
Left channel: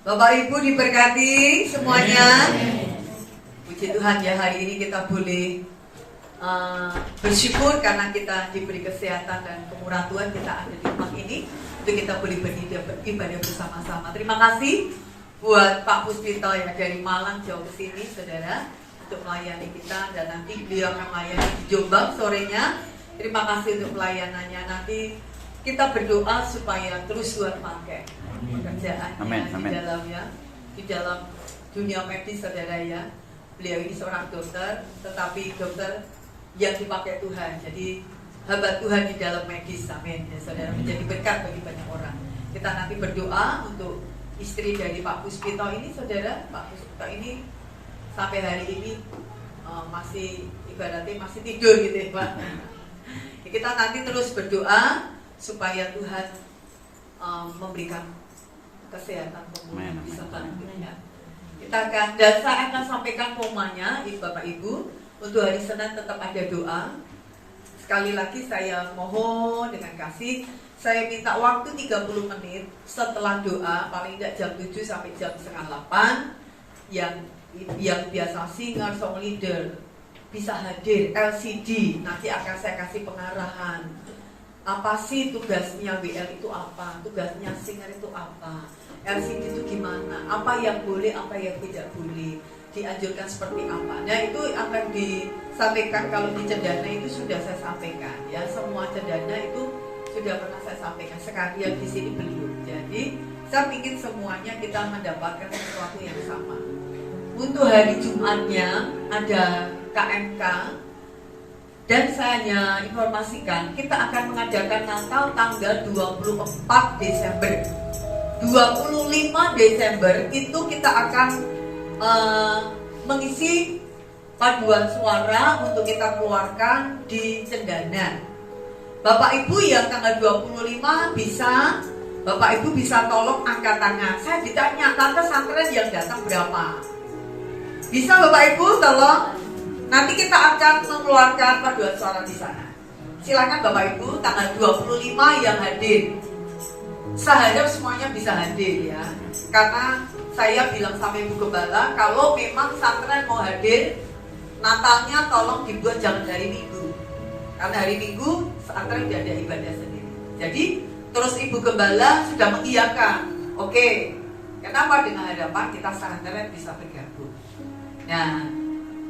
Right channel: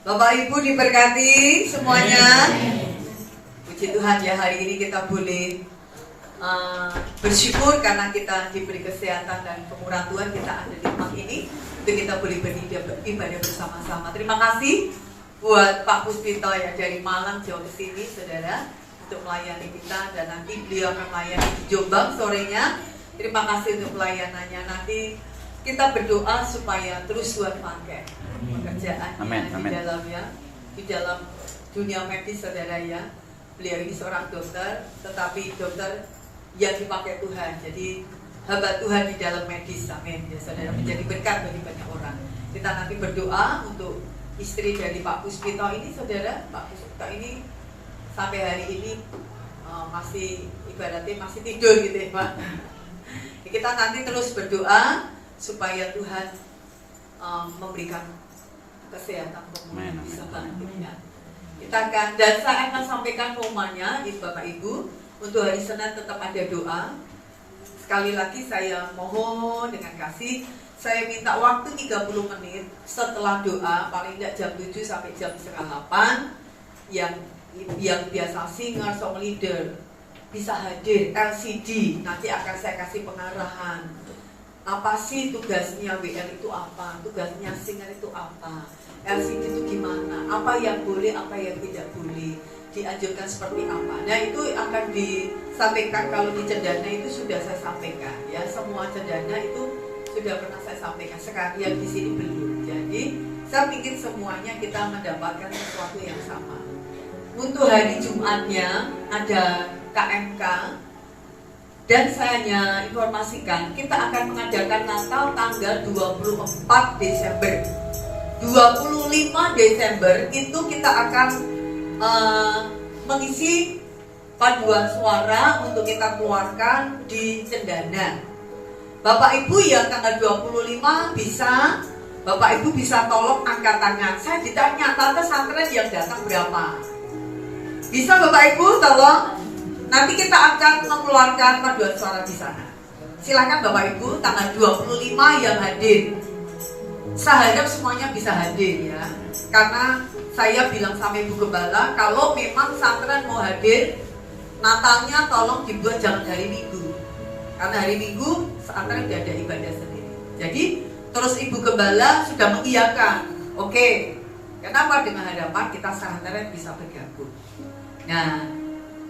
Bapak Ibu diberkati semuanya. Puji Tuhan ya, hari ini kita boleh bersyukur karena kita diberi kesehatan dan kemurahan Tuhan, kita ada di rumah ini untuk kita boleh beribadah bersama-sama. Terima kasih buat Pak Puspito ya dari Malang jauh ke sini saudara untuk melayani kita, dan nanti beliau akan melayani di Jombang sorenya. Terima kasih untuk pelayanannya. Nanti kita berdoa supaya terus Tuhan pakai pekerjaannya di dalam dunia medis saudara ya. Beliau ini seorang dokter, tetapi dokter yang dipakai Tuhan. Jadi hamba Tuhan di dalam medis, amin ya saudara, menjadi berkat bagi banyak orang. Kita nanti berdoa untuk istri dari Pak Puspito ini saudara. Pak Puspito ini sampai hari ini masih ibaratnya masih tidur gitu ya Pak. Kita nanti terus berdoa supaya Tuhan memberikan kesehatan pemulihan bisa bangkitnya. Kita akan, dan saya akan sampaikan pomanya Bapak Ibu. Untuk hari Senin tetap ada doa. Sekali lagi saya mohon dengan kasih, saya minta waktu 30 menit setelah doa, paling tidak jam 7 sampai jam setengah 8. Yang biasa singer, song leader bisa hadir. LCD, nanti akan saya kasih pengarahan. Apa sih tugasnya WL itu apa? Tugasnya singer itu apa? LCD itu gimana? Apa yang boleh, apa yang tidak boleh? Dianjurkan seperti apa? Nah itu akan disampaikan. Kalau di cendana itu sudah saya sampaikan ya, semua cendana itu sudah pernah saya sampaikan. Sekarang yang di sini belum. Jadi saya ingin semuanya kita mendapatkan sesuatu yang sama. Untuk hari Jumatnya ada KMK dan saya hanya informasikan kita akan mengadakan Natal tanggal 24 Desember. 25 Desember itu kita akan mengisi paduan suara untuk kita keluarkan di cendana. Bapak Ibu yang tanggal 25 bisa, Bapak Ibu bisa tolong angkat tangan. Saya ditanya, tante santren yang datang berapa? Bisa Bapak Ibu tolong? Nanti kita akan mengeluarkan paduan suara di sana. Silakan Bapak Ibu tanggal 25 yang hadir. Saya harap semuanya bisa hadir ya. Karena saya bilang sama Ibu Gembala, kalau memang santren mau hadir, Natalnya tolong dibuat jangan hari Minggu. Karena hari Minggu santren tidak ada ibadah sendiri. Jadi terus Ibu Gembala sudah mengiyakan. Oke, kenapa? Dengan harapan kita santren bisa bergabung. Nah,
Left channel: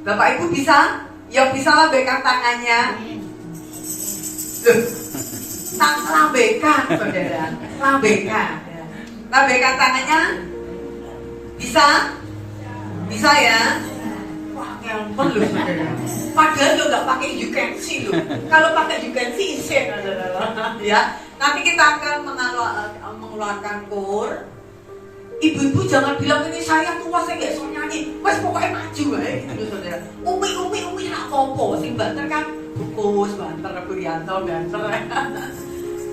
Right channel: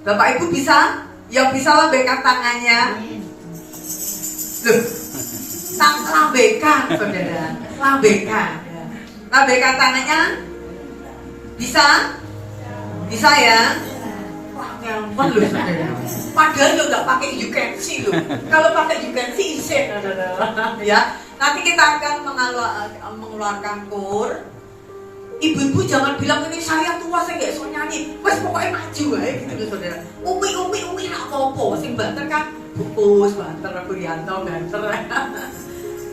Bapak Ibu bisa? Yang bisa lambaikan tangannya. Loh, lambaikan saudara, lambaikan. Lambaikan tangannya. Bisa? Bisa ya? Wah, nyaman loh saudara. Padahal lo gak pakai you can see loh. Kalau pakai you can see, iset ya. Nanti kita akan mengeluarkan kur. Ibu-ibu jangan bilang ini saya tua, saya gak bisa nyanyi. Wes pokoknya maju ya gitu loh saudara. Umi gak apa-apa. Sing banter kan bukus, banter, Kurianto, banter.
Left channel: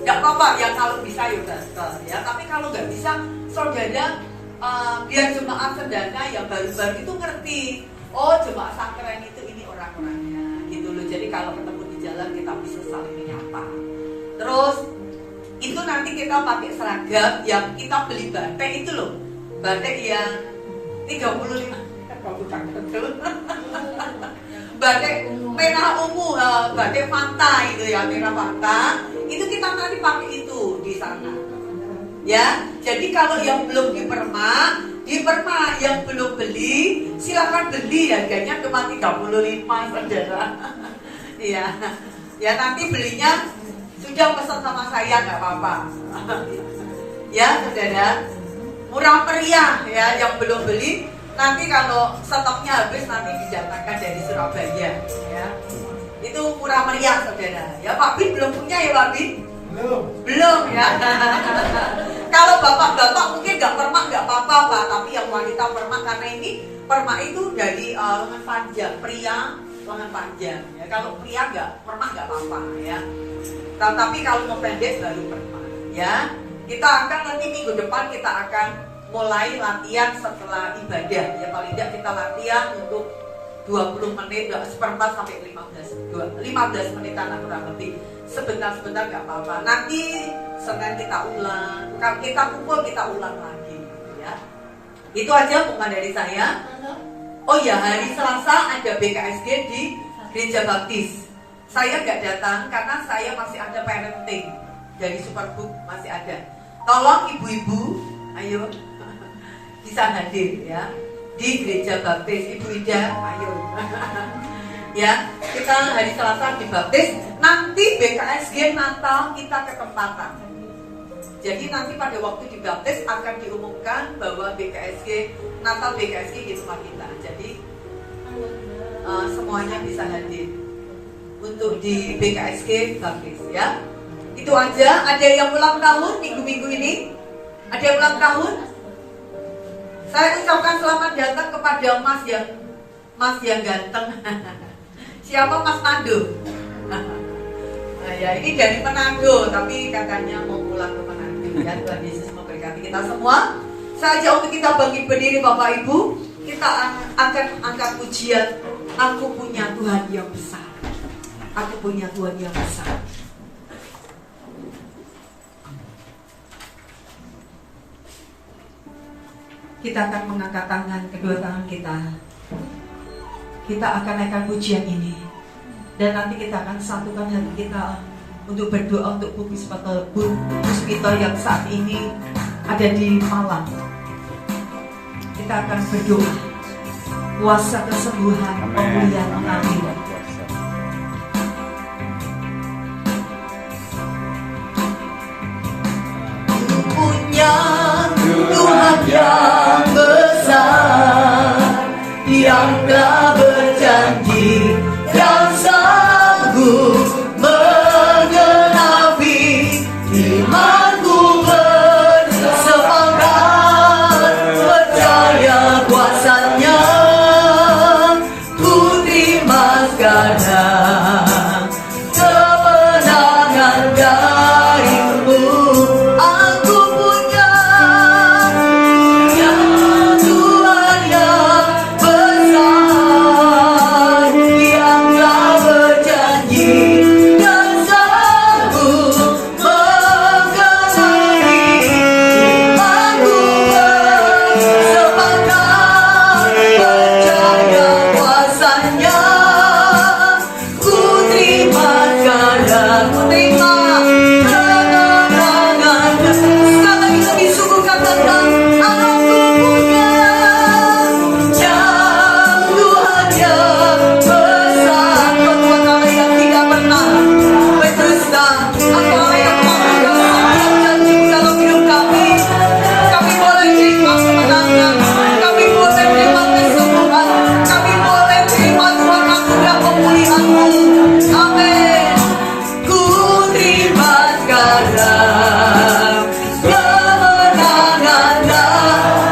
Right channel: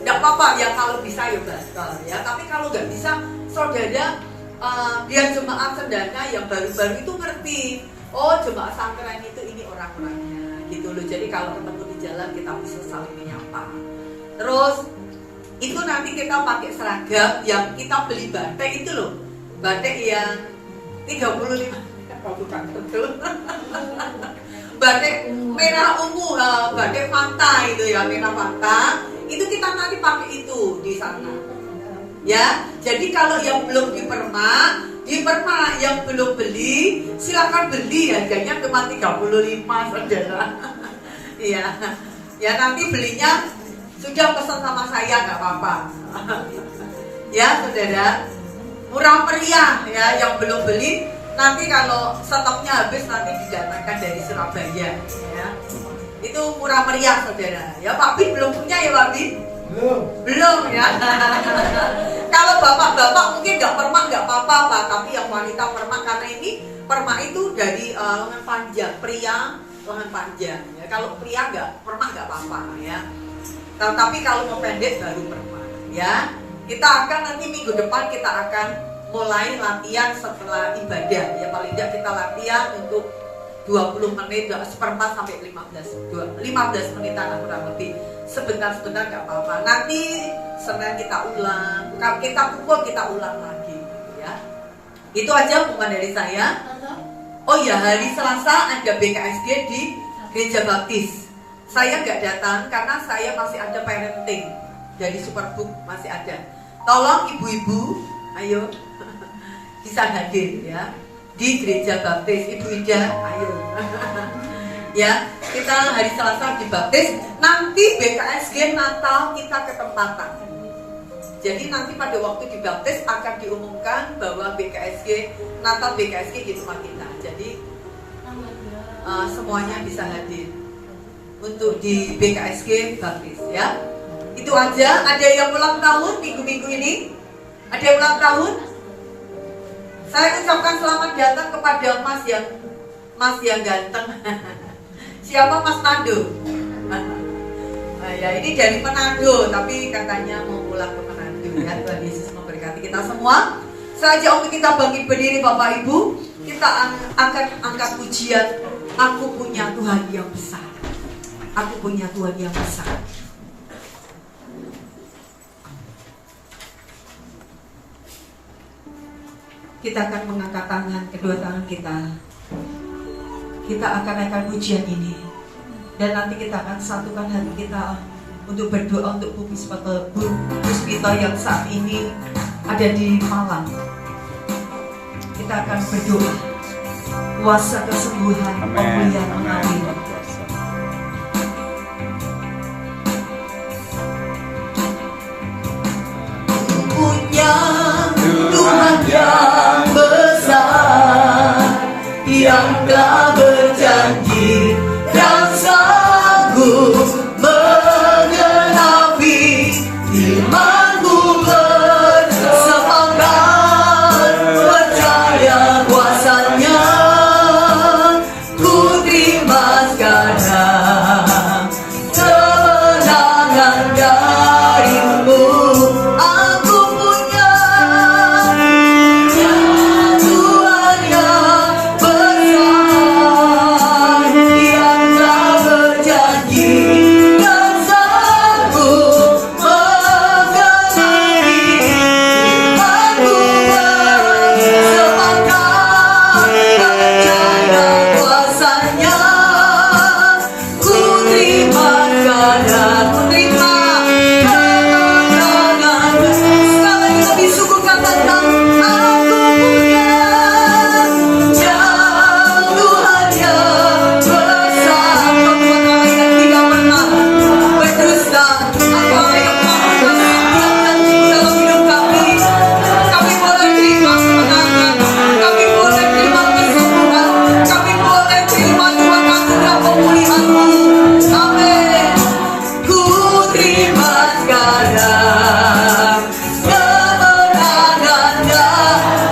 Gak apa-apa ya kalau bisa ya banter ya. Tapi kalau gak bisa saudara, biar jemaat cendana yang baru-baru itu ngerti. Oh, jemaat santren itu ini orang-orangnya gitu loh. Jadi kalau ketemu di jalan kita bisa saling menyapa. Terus itu nanti kita pakai seragam yang kita beli batik itu loh. Batik yang 35 batik merah ungu, batik Fanta itu ya, merah Fanta. Itu kita nanti pakai itu di sana. Ya, jadi kalau yang belum dipermak, yang belum beli, silakan beli, harganya cuma 35 saudara. Iya, ya nanti belinya sudah pesan sama saya nggak apa-apa. Ya saudara, murah meriah ya. Yang belum beli nanti kalau stoknya habis nanti didatangkan dari Surabaya. Ya, itu murah meriah saudara. Ya Pak Bin belum punya ya Pak Bin? Belum ya. Kalau bapak-bapak mungkin nggak permak nggak apa-apa Pak, tapi yang wanita permak karena ini permak itu dari lengan panjang, pria lengan panjang. Ya kalau pria nggak permak nggak apa-apa ya. Tapi kalau mau pendek baru permak ya. Kita akan nanti minggu depan kita akan mulai latihan setelah ibadah ya, paling tidak kita latihan untuk 20 menit, seperempat sampai 15 menitan kurang lebih. Sebentar-sebentar nggak apa-apa. Nanti Senin kita ulang, kalau kita pukul kita ulang lagi ya. Itu aja pengumuman dari saya. Oh ya, hari Selasa ada BKSG di Gereja Baptis. Saya nggak datang karena saya masih ada parenting dari Superbook, masih ada. Tolong ibu-ibu, ayo bisa hadir ya di Gereja Baptis. Ibu Ida, ayo. Ya, kita hari Selasa dibaptis. Nanti BKSG Natal kita ketempatan. Jadi nanti pada waktu dibaptis akan diumumkan bahwa BKSG Natal BKSG di rumah kita. Jadi semuanya bisa hadir untuk di BKSG baptis ya. Itu aja. Ada yang ulang tahun minggu-minggu ini? Ada yang ulang tahun? Saya ucapkan selamat datang kepada Mas yang ganteng. Siapa Mas Manado? Nah ya ini dari Manado, tapi katanya mau pulang ke Manado ya. Tuhan Yesus memberkati kita semua. Saja untuk kita bangkit berdiri Bapak Ibu, kita akan angkat pujian. Aku punya Tuhan yang besar. Aku punya Tuhan yang besar. Kita akan mengangkat tangan, kedua tangan kita. kita akan naikkan pujian ini. Dan nanti kita akan satukan hati kita untuk berdoa untuk Bu Puspito yang saat ini ada di Malang. Kita akan berdoa kuasa kesembuhan, pemulihan mengalir. Punya Tuhan yang besar, yang telah berjanji dan sanggup menggenapi imanku bersepakat percaya kuasanya. Ku terima sekarang kemenangan darimu. Aku punya Tuhan yang besar, yang telah berjanji dan sanggup menggenapi imanku bersepakat percaya kuasanya. Ku terima sekarang, ku terima kemenangan. Sekali lagi lebih sungguh katakan, aku punya Tuhan yang besar. Kau Tuhan Allah yang tidak pernah berdusta. Engkau yang memberikan setiap janji dalam hidup kami. Kami boleh terima kemenangan, kami boleh terima kesembuhan, kami boleh terima Tuhan anugerah pemulihan-Mu. Amin. Ku terima sekarang kemenangan.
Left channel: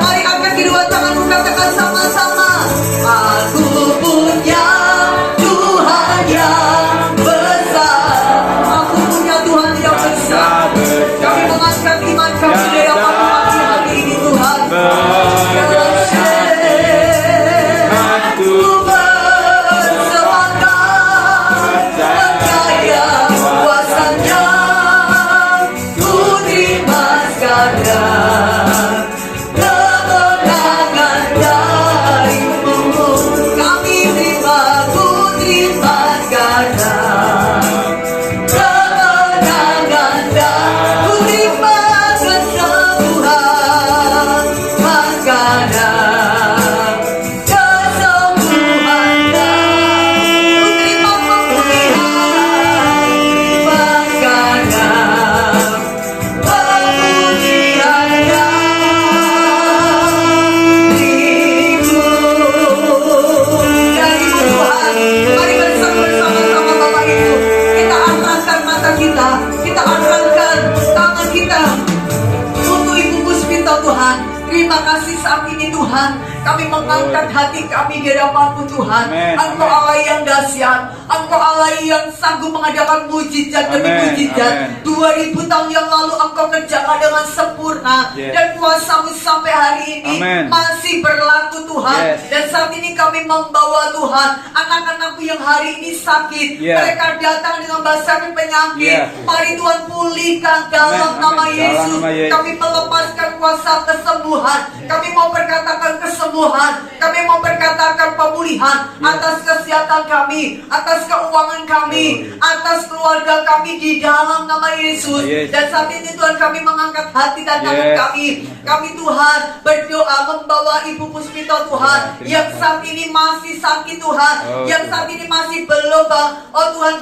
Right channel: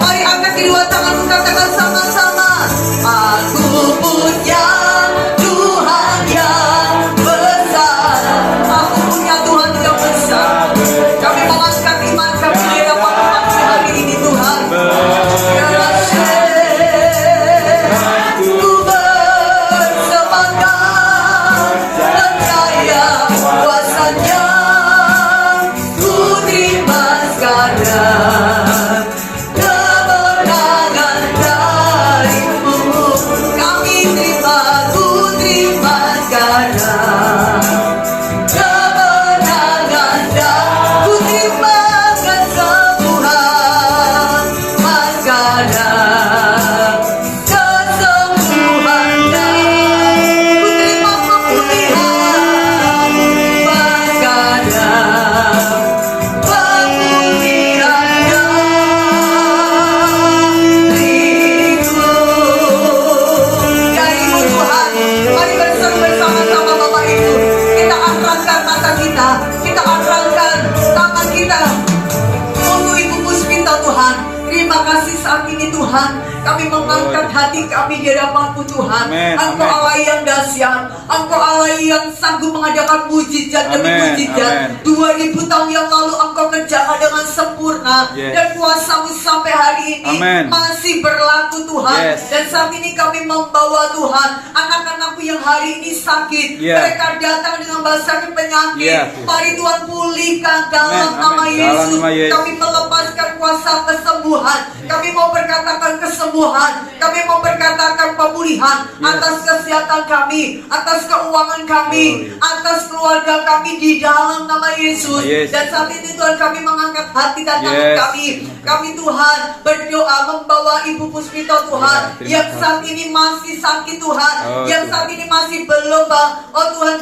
Mari angkat kedua tanganku, katakan sama-sama. Aku punya Tuhan yang besar. Aku punya Tuhan yang besar. Kami mengangkat iman kami di hadapan pagi hari ini, Tuhan. Ku bersepakat percaya kuasanya. Ku terima sekarang kemenangan darimu. Kami terima, ku terima sekarang kemenangan dan ku terima kesembuhan sekarang. Kesembuhan dan ku terima pemulihan sekarang. Pemulihan dariku. Dari Tuhan, mari bersama-sama Bapak Ibu, kita arahkan mata kita arahkan tangan kita untuk Ibu Puspito Tuhan. Terima kasih saat ini Tuhan, kami mengangkat hati kami di hadapan-Mu Tuhan. Amin. Engkau Allah yang dahsyat, Engkau Allah yang sanggup mengadakan mujizat demi Amin. mujizat. Amin. 2000 tahun yang lalu Engkau kerjakan dengan sempurna. Yes. Dan kuasa-Mu sampai hari ini Amin. masih berlaku Tuhan. Yes. Dan saat ini kami membawa Tuhan anak-anakku yang hari ini sakit. Yes. Mereka datang dengan sakit penyakit. Yes. Mari Tuhan pulihkan dalam Amin. nama Amin. Yesus. Dalam nama Yesus. Kami melepaskan kuasa kesembuhan. Kami mau berkatakan kesembuhan. Kami mau berkatakan pemulihan atas kesehatan kami, atas keuangan kami, atas keluarga kami di dalam nama Yesus. Yes. Dan saat ini Tuhan kami mengangkat hati dan tangan Yes. kami. Kami Tuhan berdoa membawa Ibu Puspito Tuhan Terima yang kasih. saat ini masih sakit Tuhan, Oh, yang Tuhan. saat ini masih belum Tuhan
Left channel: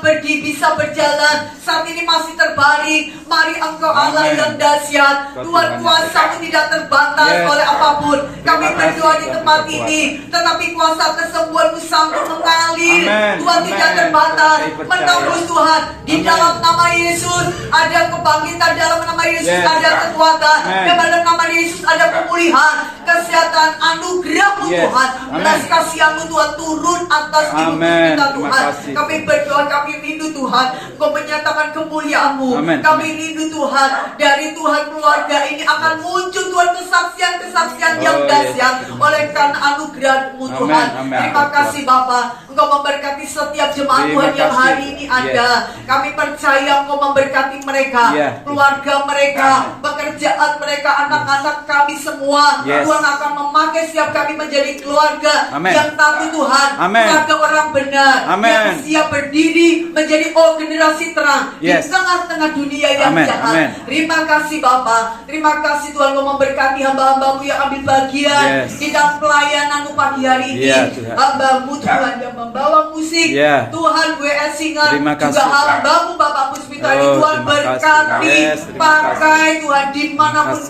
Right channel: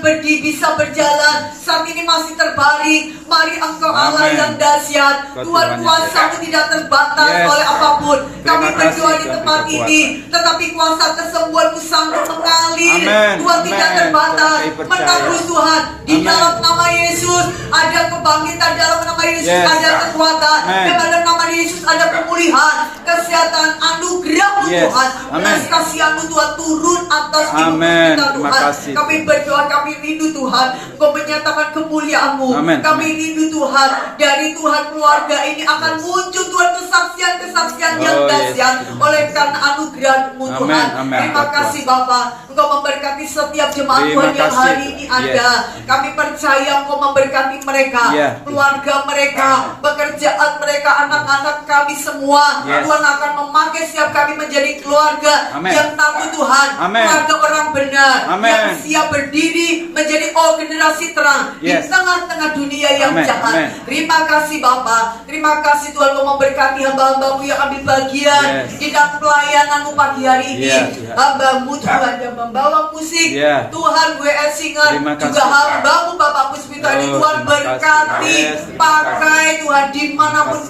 bisa berjalan, saat ini masih terbaring. Mari Engkau Allah Amin. yang dahsyat, Tuhan Tuhan Yesus. kuasa-Mu tidak terbatas Yes. oleh apapun. Kami Terima berdoa kasih, di Tuhan, tempat kita ini, tetapi kuasa kesembuhan-Mu sanggup mengalir. Amin. Tuhan Amin. tidak terbatas, Kami percaya. menembus Tuhan di Amin. dalam nama Yesus ada kebangkitan, dalam nama Yesus Yes. ada kekuatan, Amin. dalam nama Yesus ada pemulihan, kesehatan, anugerah-Mu Yes. Tuhan, Amin. belas kasihan-Mu Tuhan turun atas Ibu Amin. Puspito Terima Tuhan. kasih. Kami berdoa, kami rindu Tuhan, Engkau menyatakan kemuliaan-Mu. Amin. Kami rindu Tuhan, dari Tuhan keluarga ini akan muncul Tuhan kesaksian-kesaksian yang Oh, yes. dahsyat Terima oleh memperolehkan anugerah-Mu Tuhan. Amin. Terima kasih Bapa, Engkau memberkati setiap jemaat Terima Tuhan yang kasih. hari ini ada. Kami percaya Engkau memberkati mereka, keluarga mereka, pekerjaan mereka, anak-anak kami semua. Tuhan akan memakai setiap kami menjadi keluarga yang takut Tuhan, keluarga orang benar, yang siap berdiri menjadi generasi terang di tengah-tengah dunia yang jahat. Terima kasih Bapa, terima kasih Tuhan Engkau memberkati hamba-hamba-Mu yang ambil bagian di dalam pelayanan-Mu pagi hari ini. Hamba-Mu Tuhan yang membawa musik, Tuhan WS Singer, juga hamba-Mu Bapak Puspito ini Tuhan berkati, pakai Tuhan dimanapun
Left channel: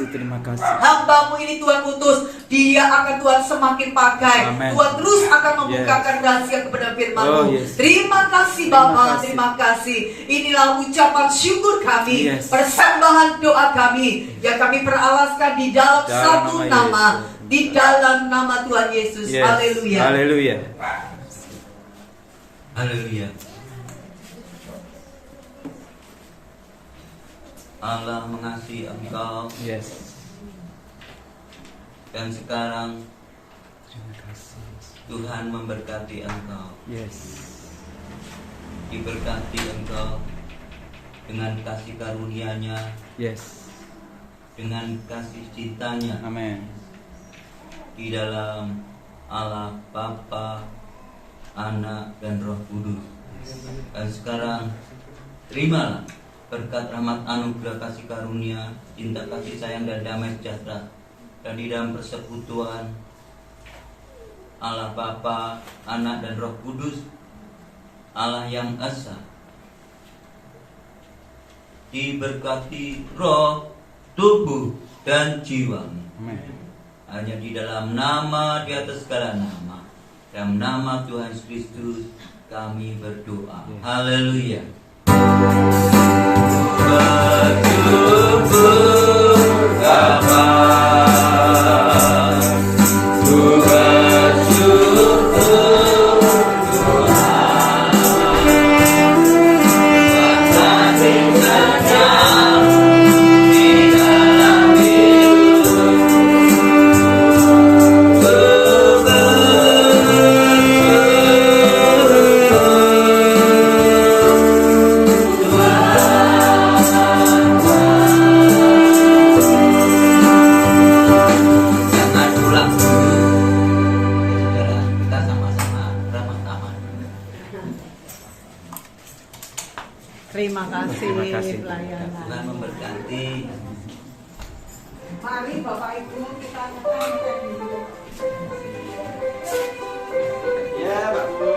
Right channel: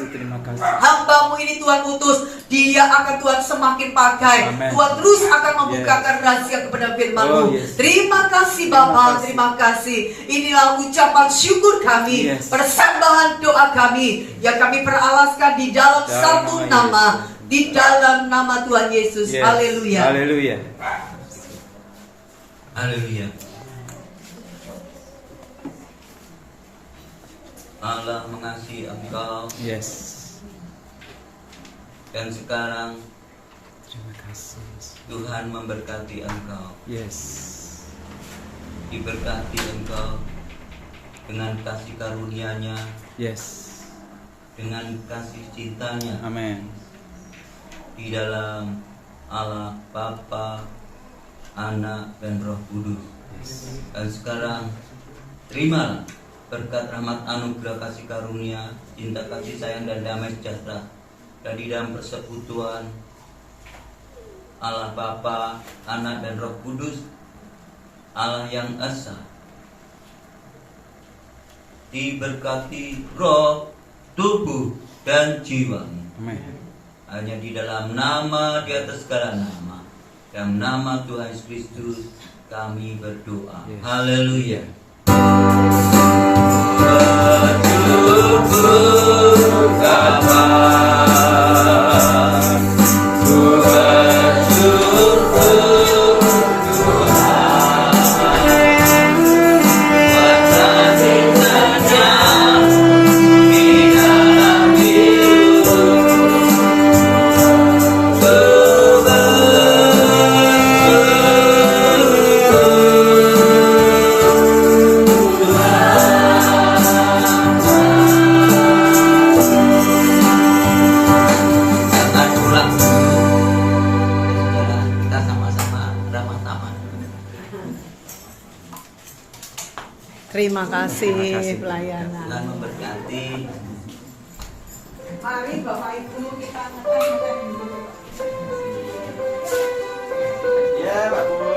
hamba-Mu ini Tuhan utus, dia akan Tuhan semakin pakai. Tuhan terus akan membukakan rahasia kepada firman-Mu. Terima kasih Bapa, terima kasih. Inilah ucapan syukur kami, persembahan doa kami yang kami peralaskan di dalam satu nama, di dalam nama Tuhan Yesus. Haleluya. Haleluya. Haleluya. Allah mengasihi engkau. Dan sekarang Terima kasih. Tuhan memberkati engkau. Diberkati engkau dengan kasih karunia-Nya, dengan kasih cintanya Amin. di dalam Allah Bapa, Anak dan Roh Kudus. Dan sekarang terimalah berkat rahmat anugerah kasih karunia, cinta kasih sayang dan damai sejahtera dan di dalam persekutuan Allah Bapa, Anak dan Roh Kudus, Allah yang esa, diberkati roh, tubuh dan jiwamu. Amin. Hanya di dalam nama, di atas segala nama, dalam nama Tuhan Yesus Kristus kami berdoa. Haleluya. Bersyukur Bapa, ku bersyukur Tuhan, kasih-Nya di dalam hidupku. Terima kasih kasih. pelayanan. Tuhan memberkati. Mari Bapak Ibu kita makan dulu. Ya, Pak Bu.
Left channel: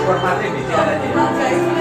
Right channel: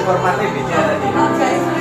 Informatif bicara tadi.